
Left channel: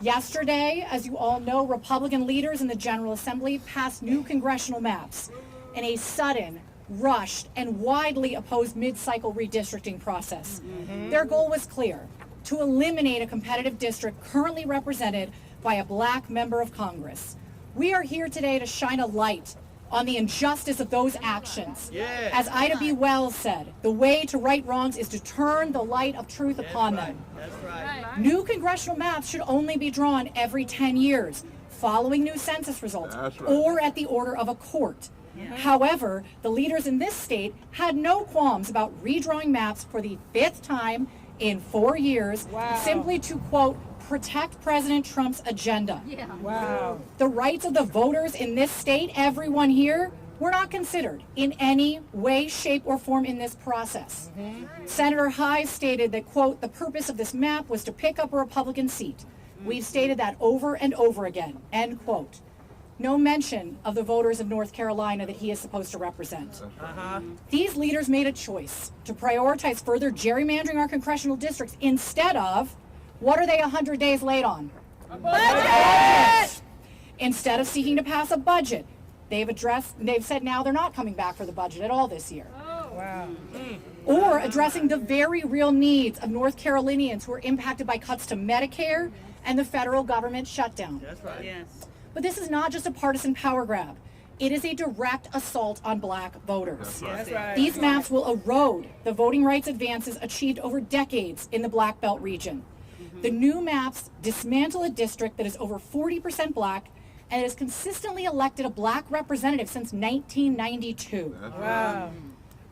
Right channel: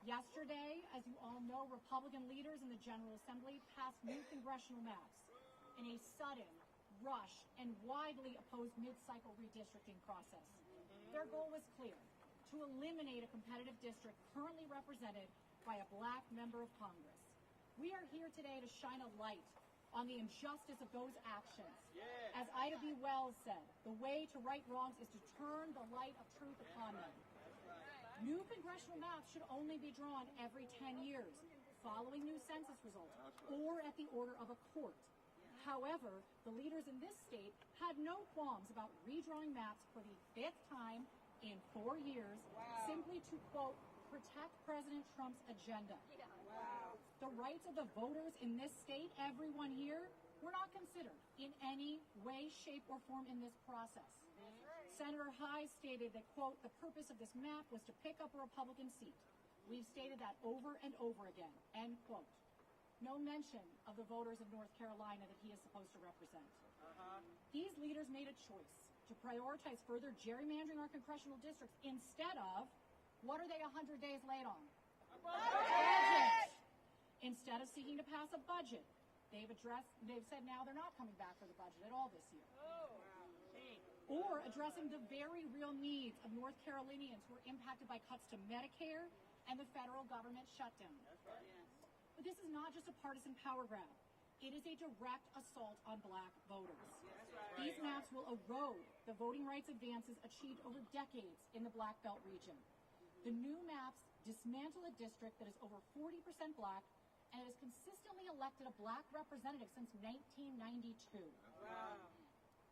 Yesterday, as you all know, Republican leaders in the General Assembly passed new congressional maps in a sudden, rushed, and widely opposed mid-cycle redistricting process. Their goal was clear: to eliminate a competitive district currently represented by a black member of Congress. We are here today to shine a light on the injustice of those actions. Yeah. As Ida B. Wells said, the way to right wrongs is to turn the light of truth upon them. That's right. New congressional maps should only be drawn every 10 years, following new census results, That's right. or at the order of a court. However, the leaders in this state had no qualms about redrawing maps for the 5th time in 4 years, simply to, quote, protect President Trump's agenda. Wow. The rights of the voters in this state, everyone here, were not considered in any way, shape, or form in this process. Senator Hyde stated that, quote, the purpose of this map was to pick up a Republican seat. We've stated that over and over again, end quote. No mention of the voters of North Carolina that he is supposed to represent. These leaders made a choice to prioritize further gerrymandering our congressional districts instead of, what are they 100 days late on? Budget! Instead of seeking to pass a budget, they've said now they're not coming back for the budget at all this year. Wow. Or addressing the very real needs of North Carolinians who are impacted by cuts to Medicare and the federal government shutdown. That's right. Yes. But this is not just a partisan power grab. It is a direct assault on black voters. That's right. These maps will erode the voting rights advances achieved over decades in the Black Belt region. The new maps dismantle a district that is over 40% black and has consistently elected a black representative since 1992. Wow.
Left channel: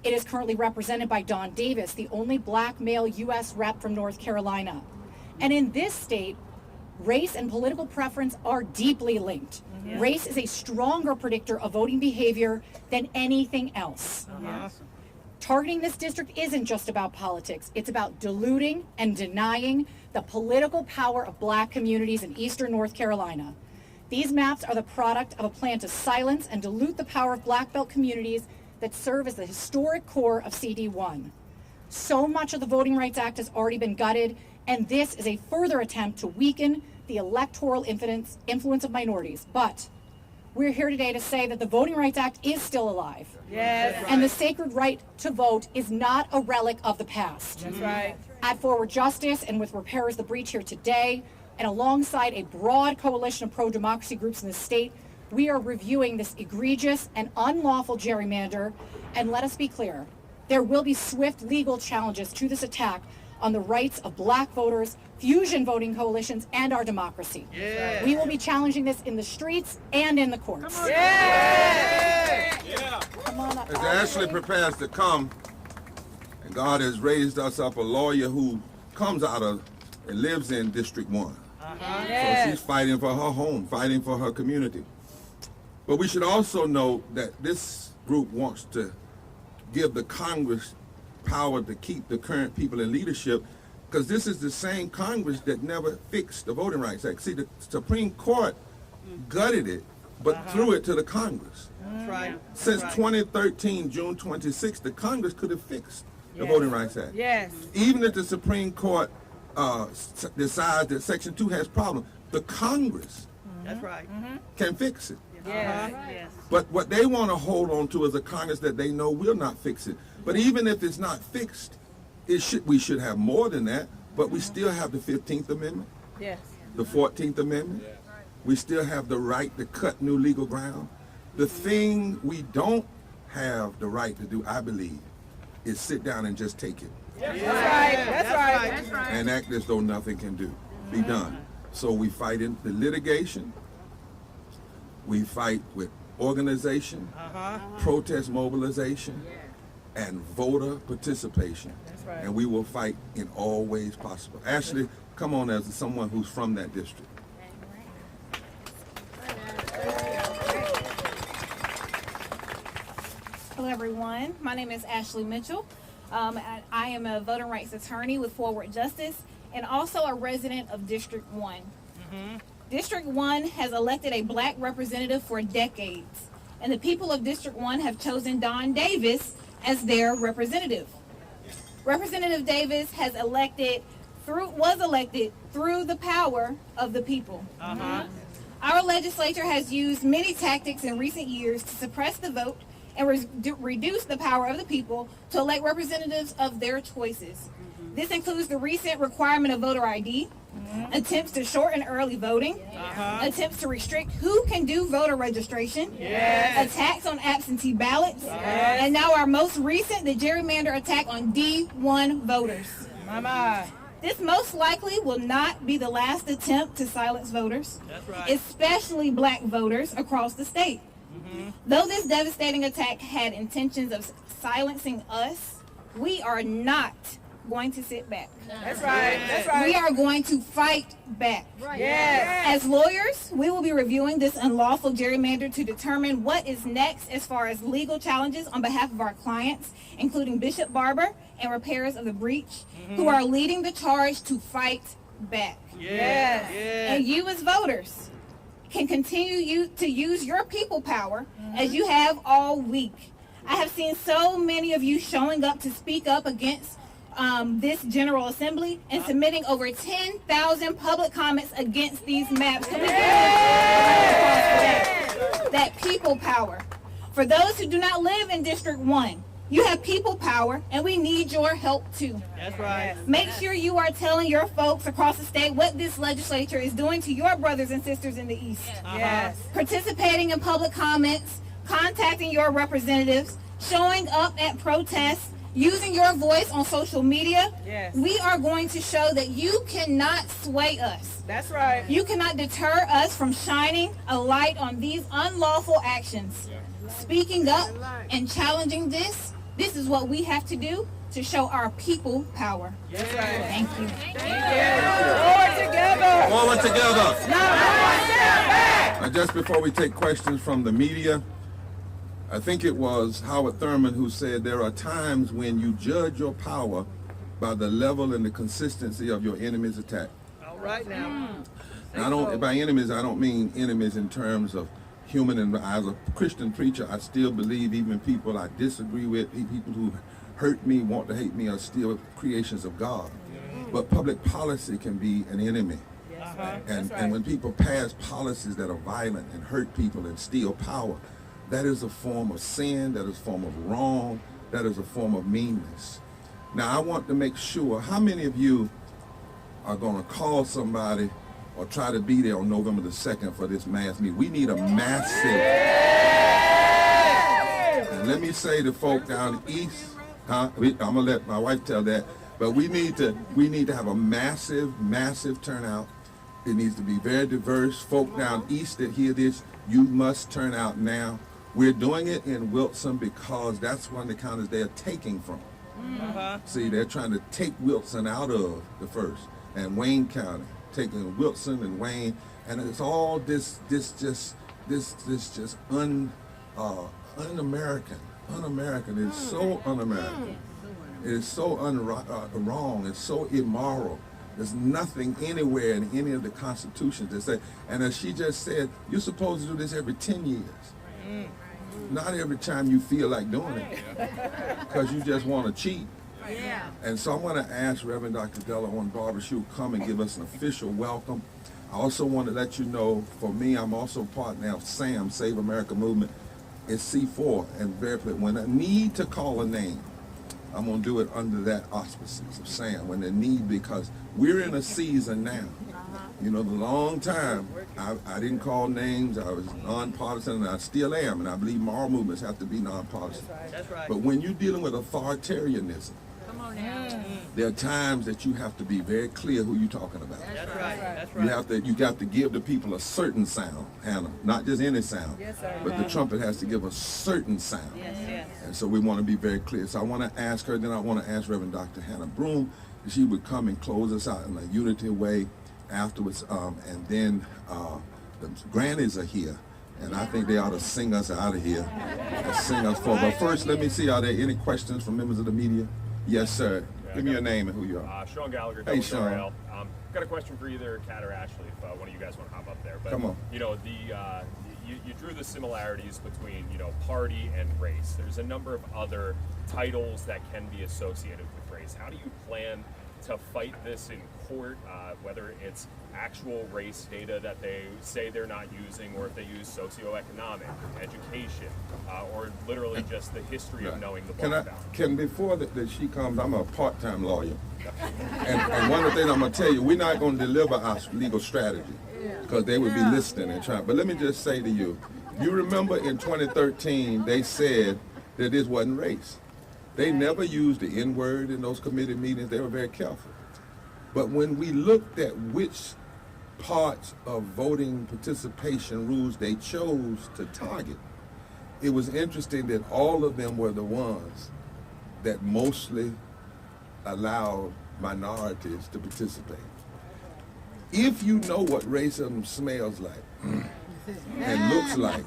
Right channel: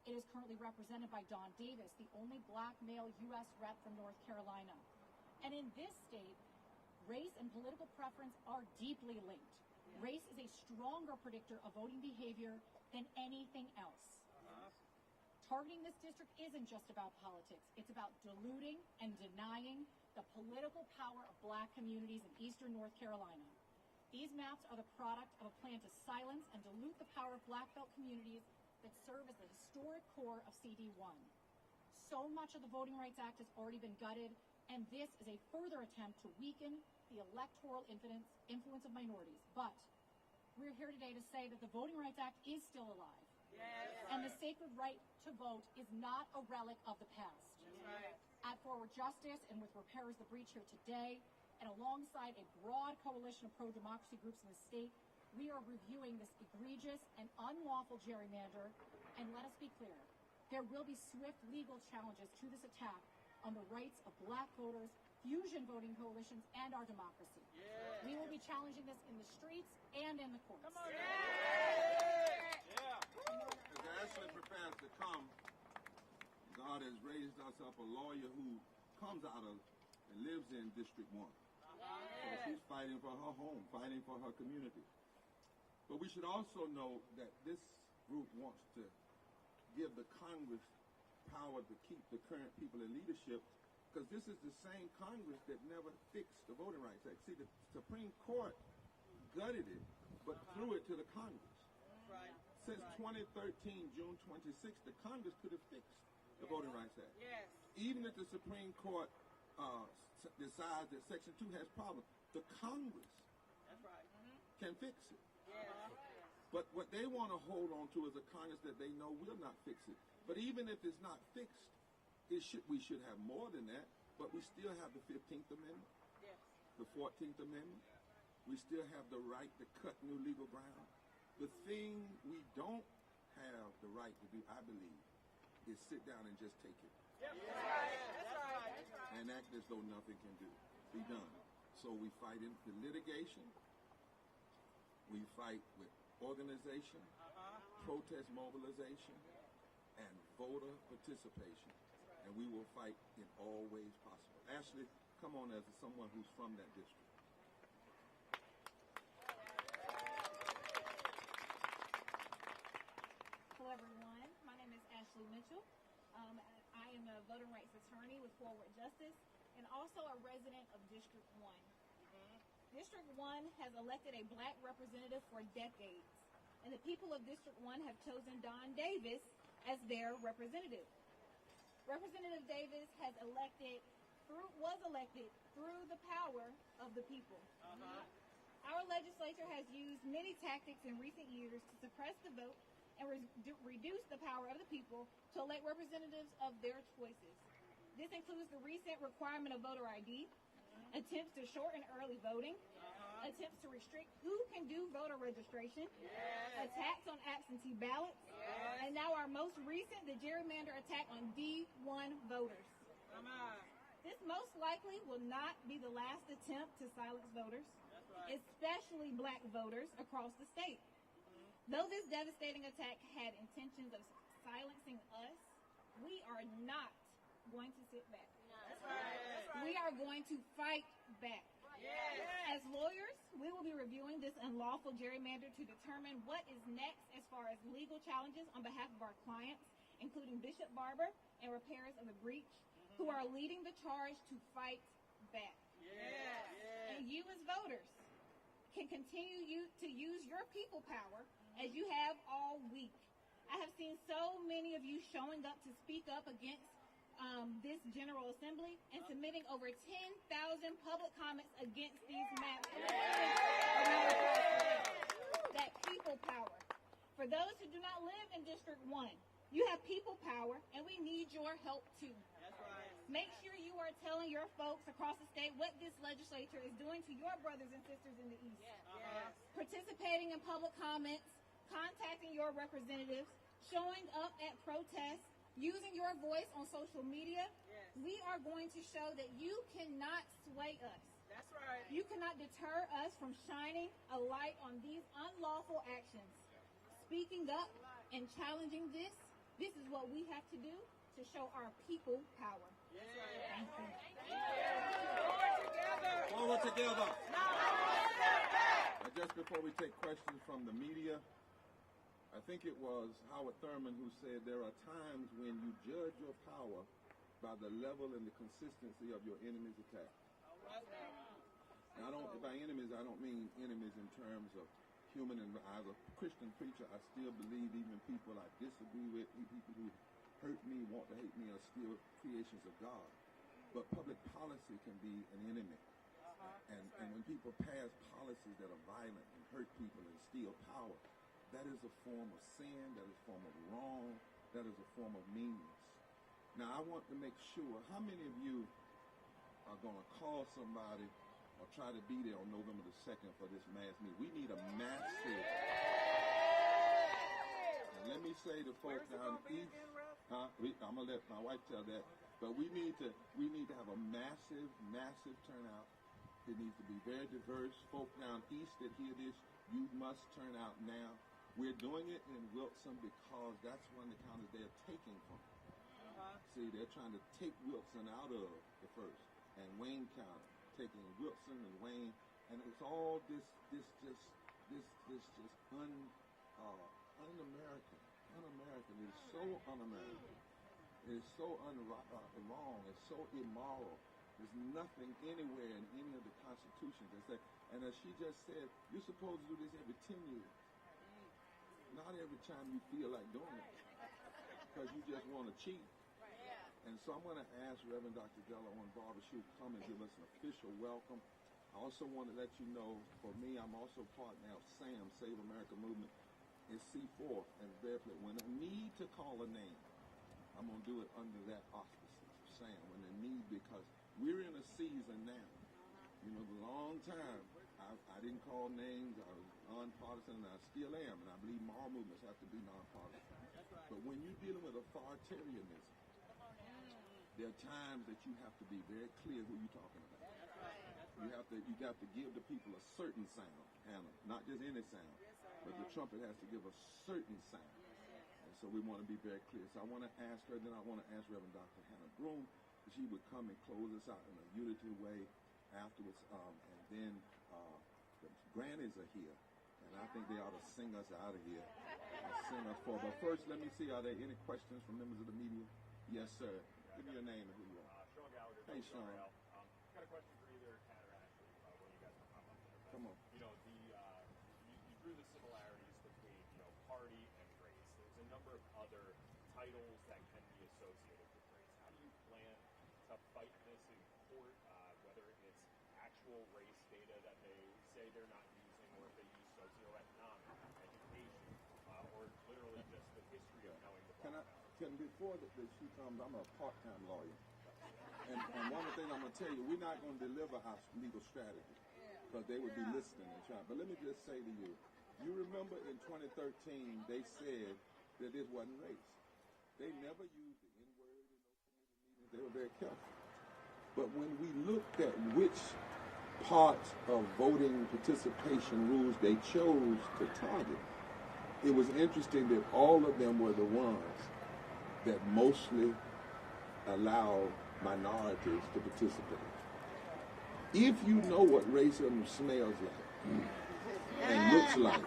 It is currently represented by Don Davis, the only black male U.S. rep from North Carolina. And in this state, race and political preference are deeply linked. Race is a stronger predictor of voting behavior than anything else. Awesome. Targeting this district isn't just about politics. It's about diluting and denying the political power of black communities in eastern North Carolina. These maps are the product of a plan to silence and dilute the power of black belt communities that serve as the historic core of CD1. So much of the Voting Rights Act has already been gutted, and this is a further attempt to weaken the electoral influence of minorities. But we're here today to say that the Voting Rights Act is still alive. Yes. And the sacred right to vote is not a relic of the past. That's right. At Forward Justice and with Repairers the Breach here today, and alongside a broad coalition of pro-democracy groups in the state, we are reviewing this egregious and unlawful gerrymander. And let us be clear, there will be swift legal challenges to this attack on the rights of black voters, fusion voting coalitions, and our democracy. Yeah. We will be challenging this in the streets and in the courts. Come on up. As Ashley prepares to come, and God has raised us up a lawyer who comes out of and lives in District 1. So she's fighting for her home, fighting for her community. But we should also know that this group wants to give the Congress power to keep the current people in leadership, because this is the same Congress that never fixed the Voting Rights Act. See, the Supreme Court gutted it, but threw it to the Congress. That's right. Since 2013, June 26th, the Congress could have fixed the Voting Rights Act. Yes. Even if the Supreme Court decides that Section 2 has problems, the Congress That's right. can fix it. Yes. Yes. But what they want to hold on to is a Congress that they know will not fix it. But even if it's not fixed, we should have more than that, but we still have the 15th Amendment, Yes. the 14th Amendment. We still have the right to cut new legal ground. The thing we don't have the right to do, I believe, is sit down and just take it That's right. That's right. That's right. and act as though nothing can be done. So we fight in the litigation. We fight with organization, protest mobilization, and voter participation. That's right. And we will fight in all ways possible. Ashley, come on as someone who's from that district. Hello, everyone. My name is Ashley Mitchell. I am a voting rights attorney with Forward Justice and also a resident of District 1. District 1 has elected a black representative for decades, and the people of District 1 have chosen Don Davis as their representative. Representative Davis was elected through the power of the people. Our legislature has used many tactics in recent years to suppress the vote and reduce the power of the people to elect representatives of their choices. This includes the recent requirement of voter ID, attempts to shorten early voting, attempts to restrict who can do voter registration, attacks on absentee ballots, and now our most recent, the gerrymander attack on D1 voters. Mama. This most likely will not be the last attempt to silence voters, especially black voters across the state. Though this devastating attack had intentions of silencing us, we are not going to sit back. That's right. That's right. We are going to fight back. Yes. As lawyers, we will be reviewing this unlawful gerrymander to determine what is next as far as legal challenges on behalf of our clients, including Bishop Barber and repairers of the breach, who are leading the charge to fight back. Yes. And you as voters can continue to use your people power as you have all week. I have seen so many of you showing up to speak up against this General Assembly and submitting over 10,000 public comments against these maps. Can we give that people power? For those who do not live in District 1, you have people power, and we need your help too. That's right. Make sure you are telling your folks across the state what this legislature is doing to your brothers and sisters in the East. Yes. Participating in public comments, contacting your representatives, showing up at protests, using your voice on social media. Yes. We are going to show that you cannot sway us. That's right. You cannot deter us from shining a light on these unlawful actions. Speaking up and challenging this is what we have to do to show our people power. That's right. Thank you. Forward together. Forward together. Now, Just before we take questions from the media, I think it was Howard Thurman who said there are times when you judge your power by the level and the consistency of your enemy's attack. all right now. And by enemies, I don't mean enemies in terms of human. And as a Christian preacher, I still believe even people I disagree with, people who hurt me, want to hate me, are still creations of God. But public policy can be an enemy. And when people pass policies that are violent and hurt people and steal power, that is a form of sin, that is a form of wrong, that is a form of meanness. Now, I want to make sure, how many of you are going to call somebody or try to be there on November the 2nd for this mass meeting? We need a massive, and let me say to folk down east, I'm going to let my wife tell that, but we need to have a massive turnout. It needs to be very diverse. Folk down east that hear this, you must turn out now. We're doing it in Wilson because that's one of the counties they're taking from. See, they're trying to take Wilson out of the first, and Wayne County, taking Wilson and Wayne, and it's all this just un-American. Un-American. It's so un-American. It is so wrong. It's so immoral. There's nothing anywhere in any of the constitutions that say, and as she just said, you're supposed to do this every 10 years. Not every time you feel like doing it, because you just want to cheat. And so I'm going to ask Reverend Dr. Della on Barber, she will come and give us an official welcome. I also want to let you know, for me, I'm also part now of SAM, Save America Movement. It's C4, and very clear. When I need to call a name, I'm going to do it under that auspices of SAM, when they need, because we're in a season now. You know, the long time, I didn't call names, I was nonpartisan, and I still am, and I believe moral movements have to be nonpartisan. That's right. But when you're dealing with authoritarianism, there are times that you have to be very clear who you're talking about. That's right. That's right. You got to give the people a certain sound, Hannah, not just any sound. Yes, sir. But the trumpet has to give a certain sound. Yes. And so we want to be very clear. So I want to ask her, then I want to ask Reverend Dr. Hannah Broom, if she would come and close us out in a unity way afterwards. And then the grannies are here, and I think they ought to sing us out of here and sing us forward. But first, let me see, are there any questions from members of the media? Yes, sir. Give me your name and who you are. Sean Gallagher, Hey, Sean. Got a question for either Kat or Ashley, if one of you guys want to hop up there. But, Come on. You know, you drew the similarities between, you know, party and race. There's a number of other titles that can be associated with race. How do you plan to fight this in court, whether it's actual race data that they say they're not using, or if they use socioeconomic, education, or literally just the history of knowing the black belt. Can before that she comes, I'm a part-time lawyer. And one of the things I'm going to tell you, we're not going to deliver our legal strategy because they would be listening and trying. But let me just say to you, you remember in 2013, they said that this wasn't race. They never used the N-word in those committee meetings. They were very careful. But when we looked at which parts of voting participation rules they chose to target, it was interesting that all of them were the ones that mostly allowed minorities to participate. If you know what racism smells like and looks like,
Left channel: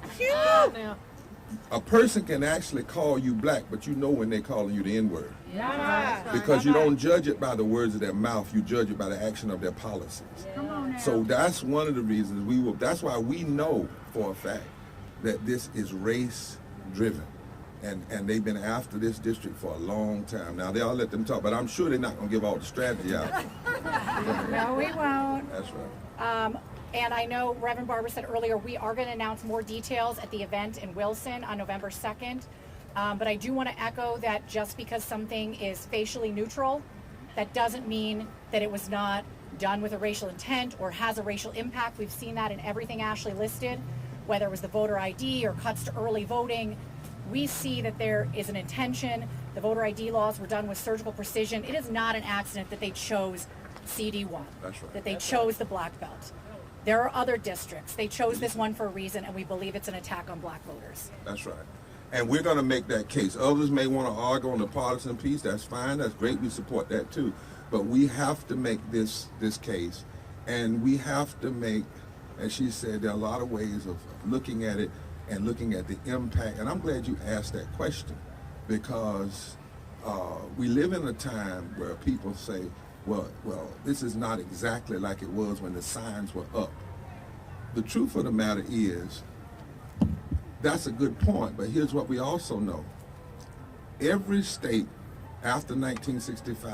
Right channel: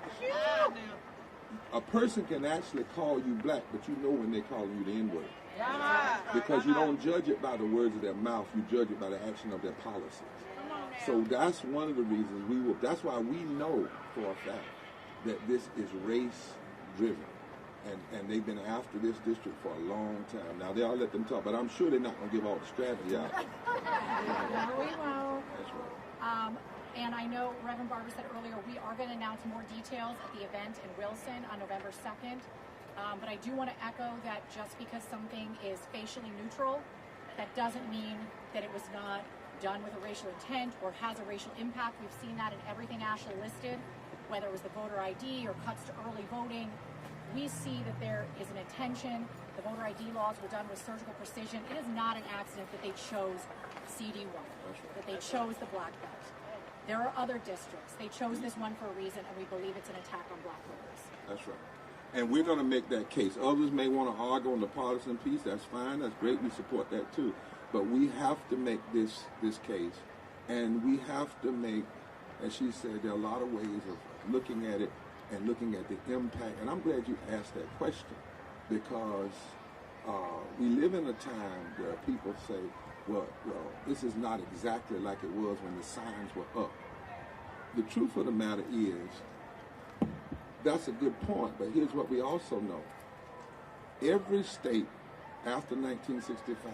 a person can actually call you black, but you know when they're calling you the N-word. Because you don't judge it by the words of their mouth, you judge it by the action of their policies. So that's one of the reasons that's why we know for a fact that this is race driven. And they've been after this district for a long time. Now they'll let them talk, but I'm sure they're not gonna give all the strategy out. No, we won't. That's right. And I know Reverend Barber said earlier, we are going to announce more details at the event in Wilson on November 2nd. But I do want to echo that just because something is facially neutral, that doesn't mean that it was not done with a racial intent or has a racial impact. We've seen that in everything Ashley listed, whether it was the voter ID or cuts to early voting. We see that there is an intention. The voter ID laws were done with surgical precision. It is not an accident that they chose CD1, That's right. that they chose the black belt. There are other districts. They chose this one for a reason, and we believe it's an attack on black voters. That's right. And we're going to make that case. Others may want to argue on the partisan piece. That's fine. That's great. We support that too. But we have to make this case. And we have to make, as she said, there are a lot of ways of looking at it and looking at the impact. And I'm glad you asked that question, because we live in a time where people say, well, this is not exactly like it was when the signs were up. The truth of the matter is, that's a good point, but here's what we also know. Every state after 1965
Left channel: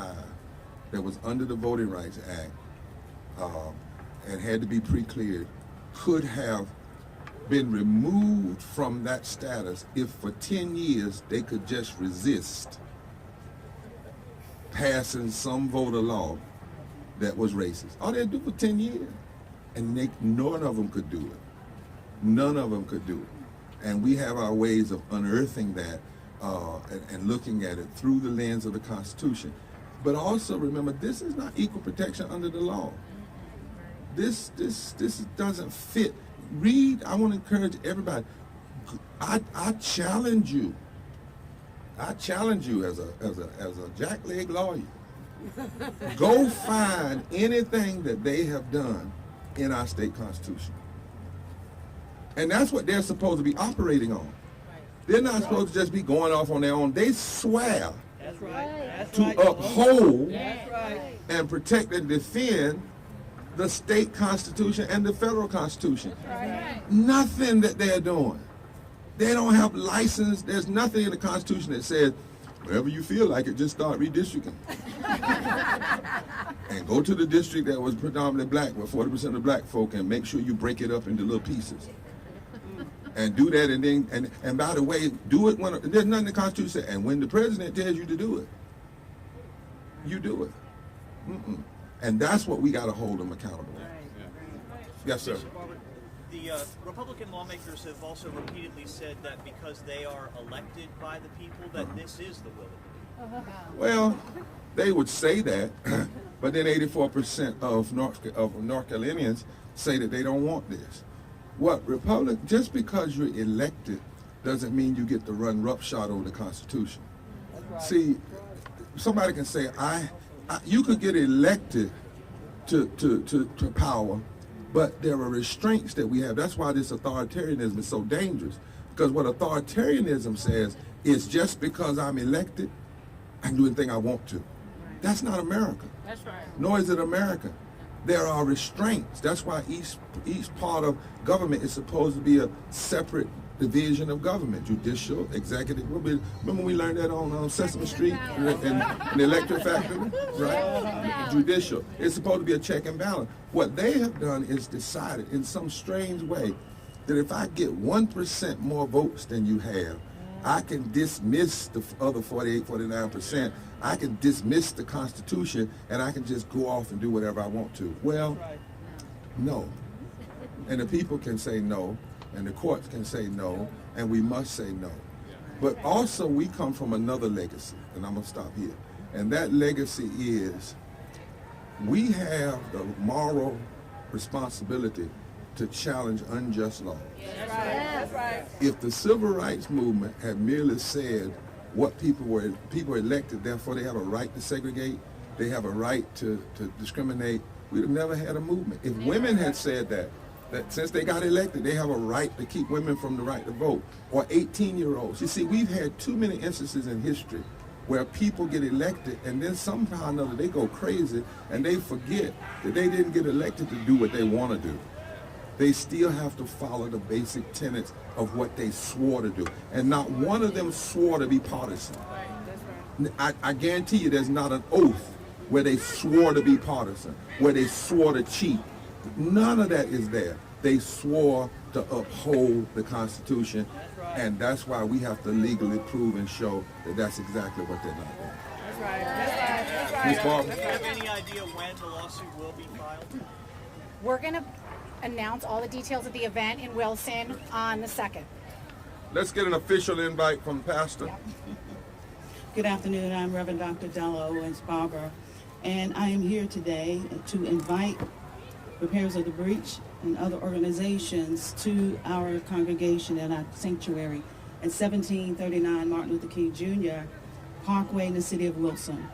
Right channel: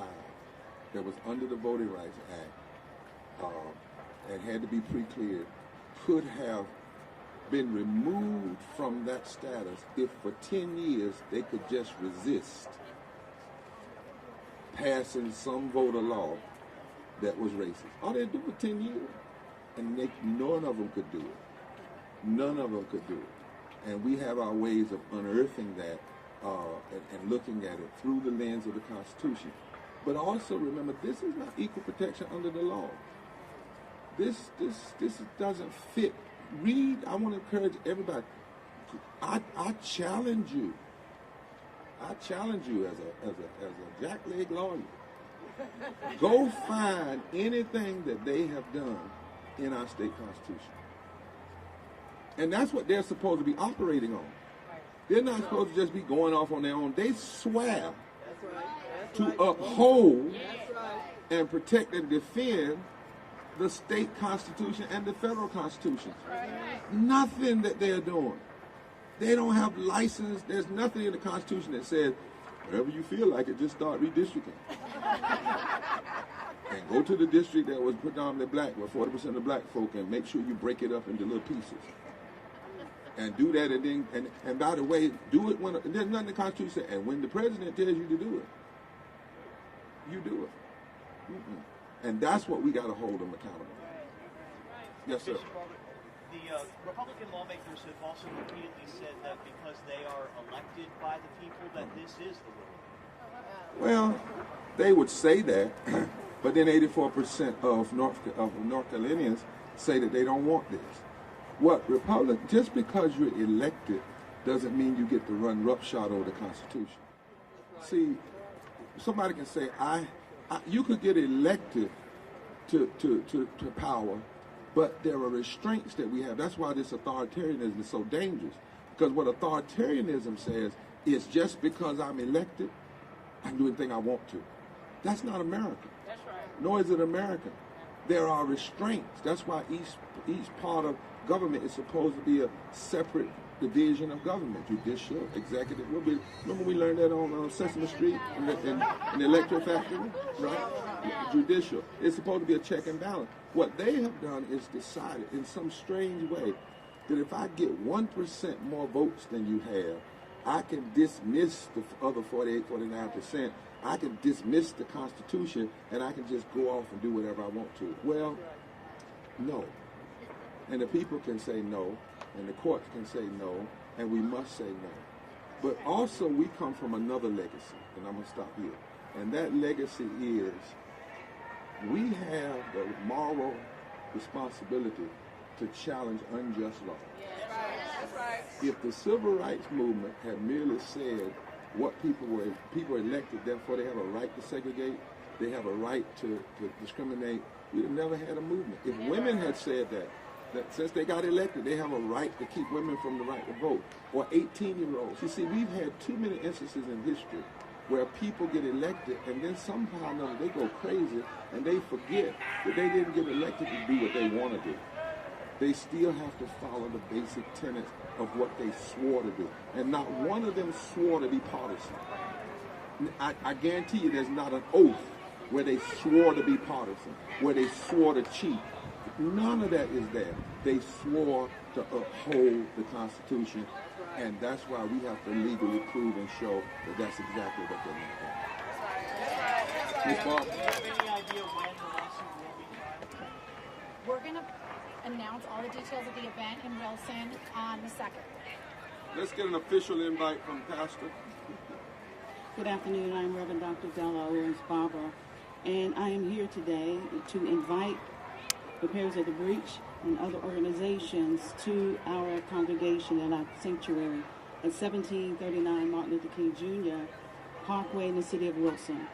that was under the Voting Rights Act and had to be pre-cleared could have been removed from that status if for 10 years they could just resist passing some voter law that was racist. All they do for 10 years. And none of them could do it. None of them could do it. And we have our ways of unearthing that and looking at it through the lens of the Constitution. But also remember, this is not equal protection under the law. This doesn't fit. Read, I want to encourage everybody. I challenge you. I challenge you as a jackleg lawyer. Go find anything that they have done in our state constitution. And that's what they're supposed to be operating on. They're not supposed to just be going off on their own. They swear to uphold and protect and defend the state constitution and the federal constitution. Nothing that they're doing. They don't have license. There's nothing in the Constitution that says, wherever you feel like it, just start redistricting. And go to the district that was predominantly black, with 40% of black folk, and make sure you break it up into little pieces. And do that, and then, and by the way, do it when, there's nothing in the Constitution that says, and when the president tells you to do it, you do it. And that's what we got to hold them accountable. Yes, sir. The Republican lawmakers have also repeatedly said that because they are elected by the people, that this is the will of the people. Well, they would say that, but then 84% of North Carolinians say that they don't want this. Just because you're elected doesn't mean you get to run roughshod over the Constitution. See, somebody can say, you could get elected to power, but there are restraints that we have. That's why this authoritarianism is so dangerous. Because what authoritarianism says is just because I'm elected, I can do anything I want to. That's not America. That's right. Nor is it America. There are restraints. That's why each part of government is supposed to be a separate division of government: judicial, executive. Remember we learned that on Sesame Street in the Electric Factory, right? Judicial. It's supposed to be a check and balance. What they have done is decided in some strange way that if I get 1% more votes than you have, I can dismiss the other 48, 49%. I can dismiss the Constitution, and I can just go off and do whatever I want to. Well, no. And the people can say no, and the courts can say no, and we must say no. But also we come from another legacy, and I'm gonna stop here. And that legacy is we have the moral responsibility to challenge unjust laws. That's right. If the civil rights movement had merely said what people were elected, therefore they have a right to segregate, they have a right to discriminate, we'd have never had a movement. If women had said that since they got elected, they have a right to keep women from the right to vote, or 18-year-olds. You see, we've had too many instances in history where people get elected and then somehow or another they go crazy and they forget that they didn't get elected to do what they want to do. They still have to follow the basic tenets of what they swore to do. And not one of them swore to be partisan. I guarantee you there's not an oath where they swore to be partisan, where they swore to cheat. None of that is there. They swore to uphold the Constitution, and that's why we have to legally prove and show that that's exactly what they're not doing. That's right. That's right. Ms. Barber? Do you have any idea when the lawsuit will be filed? We're going to announce all the details of the event in Wilson on the 2nd. Let's get an official invite from Pastor. Good afternoon. I'm Reverend Dr. Della Owens Barber, and I am here today to invite repairers of the breach and other organizations to our congregation at our sanctuary at 1739 Martin Luther King Jr. Parkway in the city of Wilson.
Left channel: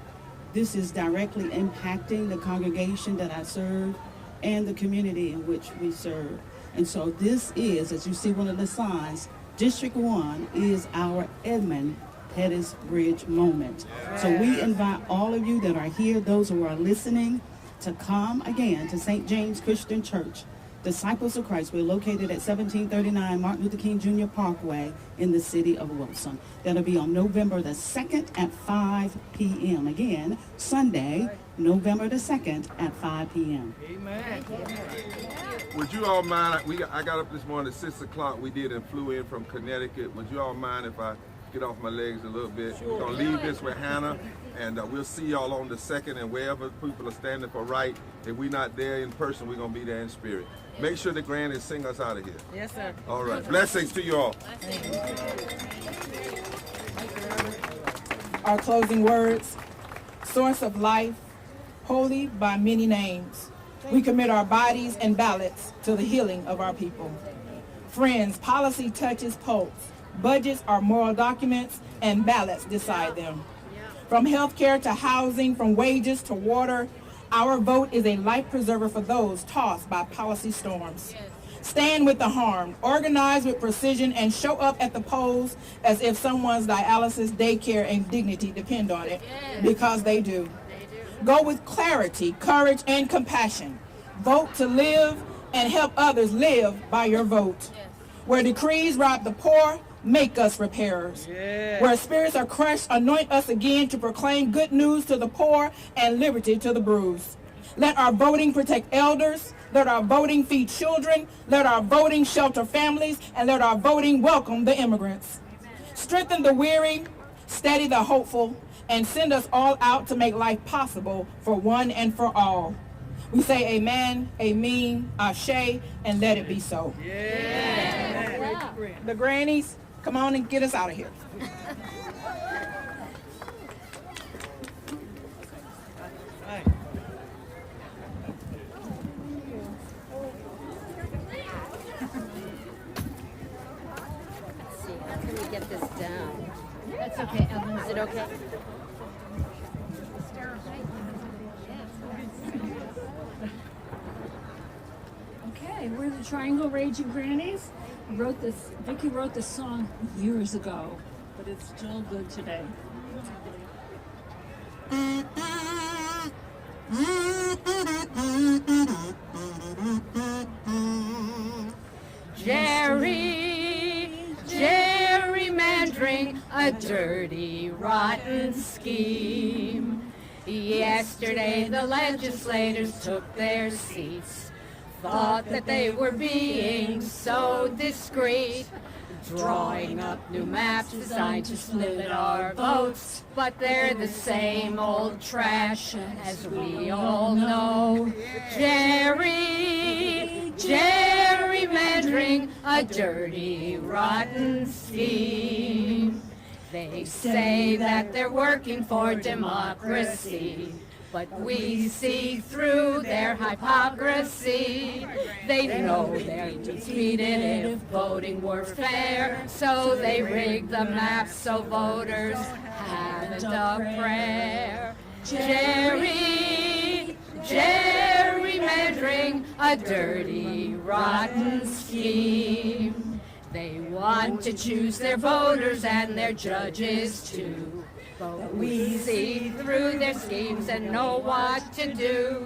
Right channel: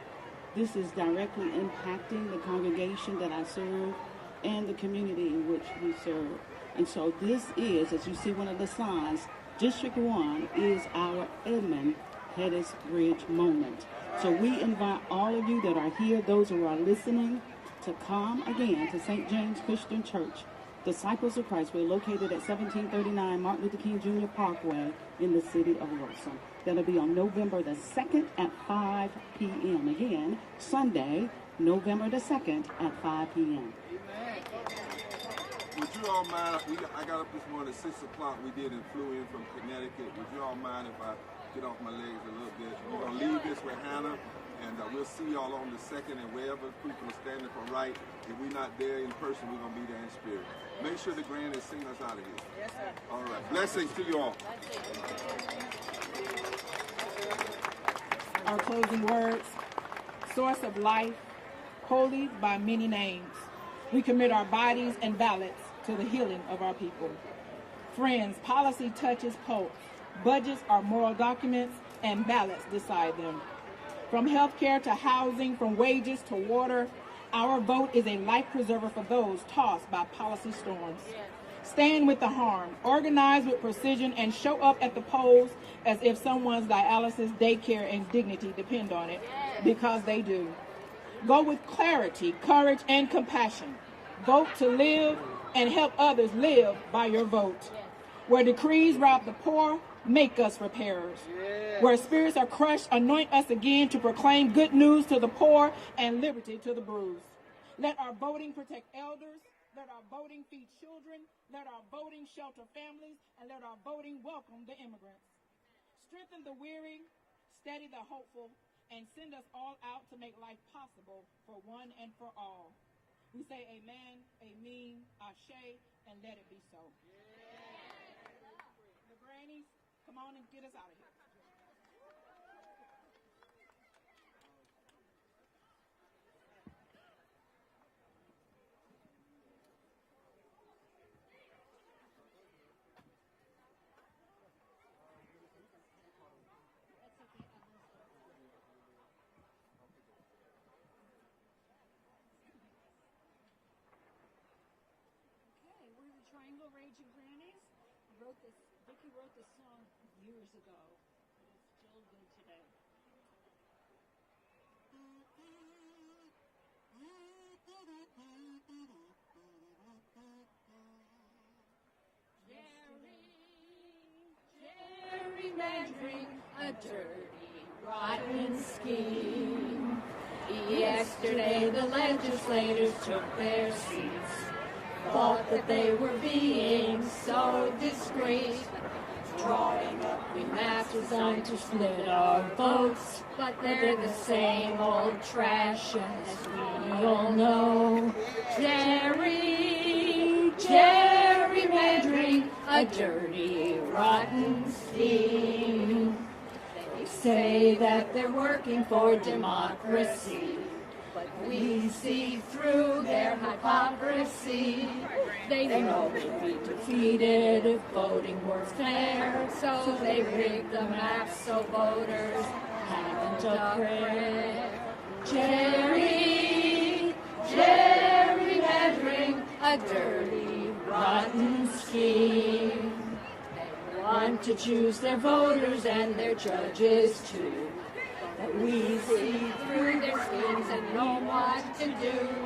This is directly impacting the congregation that I serve and the community in which we serve. And so this is, as you see one of the signs, District 1 is our Edmund Pettus Bridge moment. So we invite all of you that are here, those who are listening, to come again to St. James Christian Church, Disciples of Christ. We're located at 1739 Martin Luther King Jr. Parkway in the city of Wilson. That'll be on November the 2nd at 5 p.m. Again, Sunday, November the 2nd at 5 p.m. Amen. Would you all mind, I got up this morning at 6 o'clock, we did and flew in from Connecticut. Would you all mind if I get off my legs a little bit? We're going to leave this with Hannah, and we'll see y'all on the 2nd, and wherever people are standing for right, if we're not there in person, we're going to be there in spirit. Make sure the grannies sing us out of here. Yes, sir. All right. Blessings to you all. Our closing words: source of life, holy by many names. We commit our bodies and ballots to the healing of our people. Friends, policy touches pulse. Budgets are moral documents, and ballots decide them. From healthcare to housing, from wages to water, our vote is a life preserver for those tossed by policy storms. Stand with the harmed, organize with precision, and show up at the polls as if someone's dialysis, daycare, and dignity depend on it, because they do. Go with clarity, courage, and compassion. Vote to live and help others live by your vote. Where decrees rob the poor, make us repairers. Where spirits are crushed, anoint us again to proclaim good news to the poor and liberty to the bruised. Let our voting protect elders. Let our voting feed children. Let our voting shelter families. And let our voting welcome the immigrants. Strengthen the weary, steady the hopeful, and send us all out to make life possible for one and for all. We say amen, amen, ashe, and let it be so. The grannies, come on and get us out of here. Let's see, how can we get this down? That's okay, Ellen. Is it okay? Okay, we're the Triangle Raging Grannies. Vicki wrote this song years ago, but it's still good today. Jerry, dirty, rotten scheme. Yesterday the legislators took their seats, thought that they were being so discreet, drawing up new maps designed to split our votes, but they're the same old trash, as we all know. Gerrymandering, a dirty, rotten scheme. They say that they're working for democracy, but we see through their hypocrisy. They know they're defeated if voting works fair, so they rig the maps so voters haven't a prayer. Gerrymandering, a dirty, rotten scheme. They want to choose their voters and their judges too, but we see through their schemes and know what to do.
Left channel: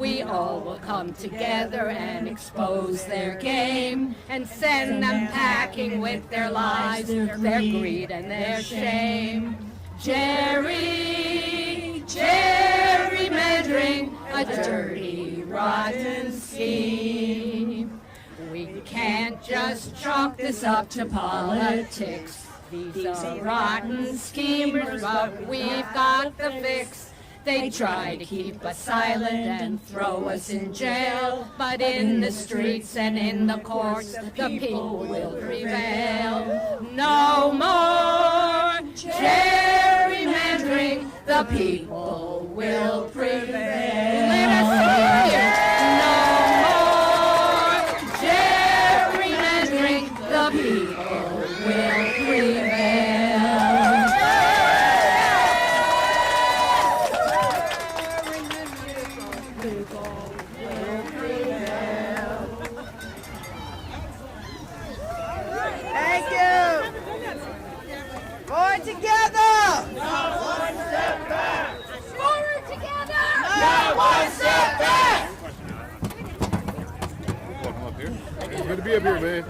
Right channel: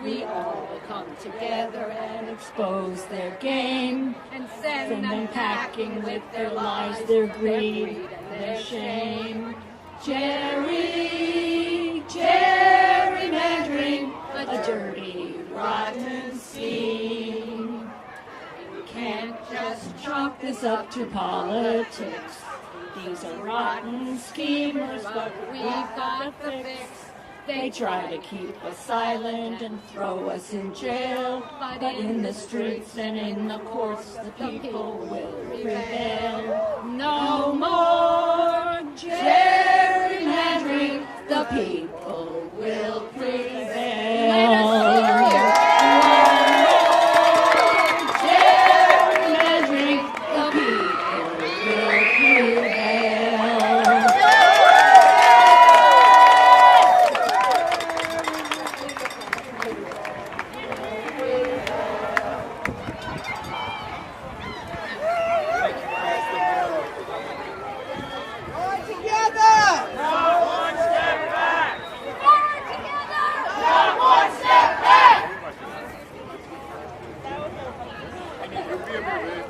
We all will come together and expose their game and send them packing with their lies, their greed and their shame. Gerrymandering, a dirty, rotten scheme. We can't just chalk this up to politics. These are rotten schemers, but we've got the fix. They try to keep us silent and throw us in jail, but in the streets and in the courts, the people will prevail. No more gerrymandering, the people will prevail. No more gerrymandering, the people will prevail. Thank you. Forward together. Not one step back. Forward together! Not one step back. Good to be up here, man.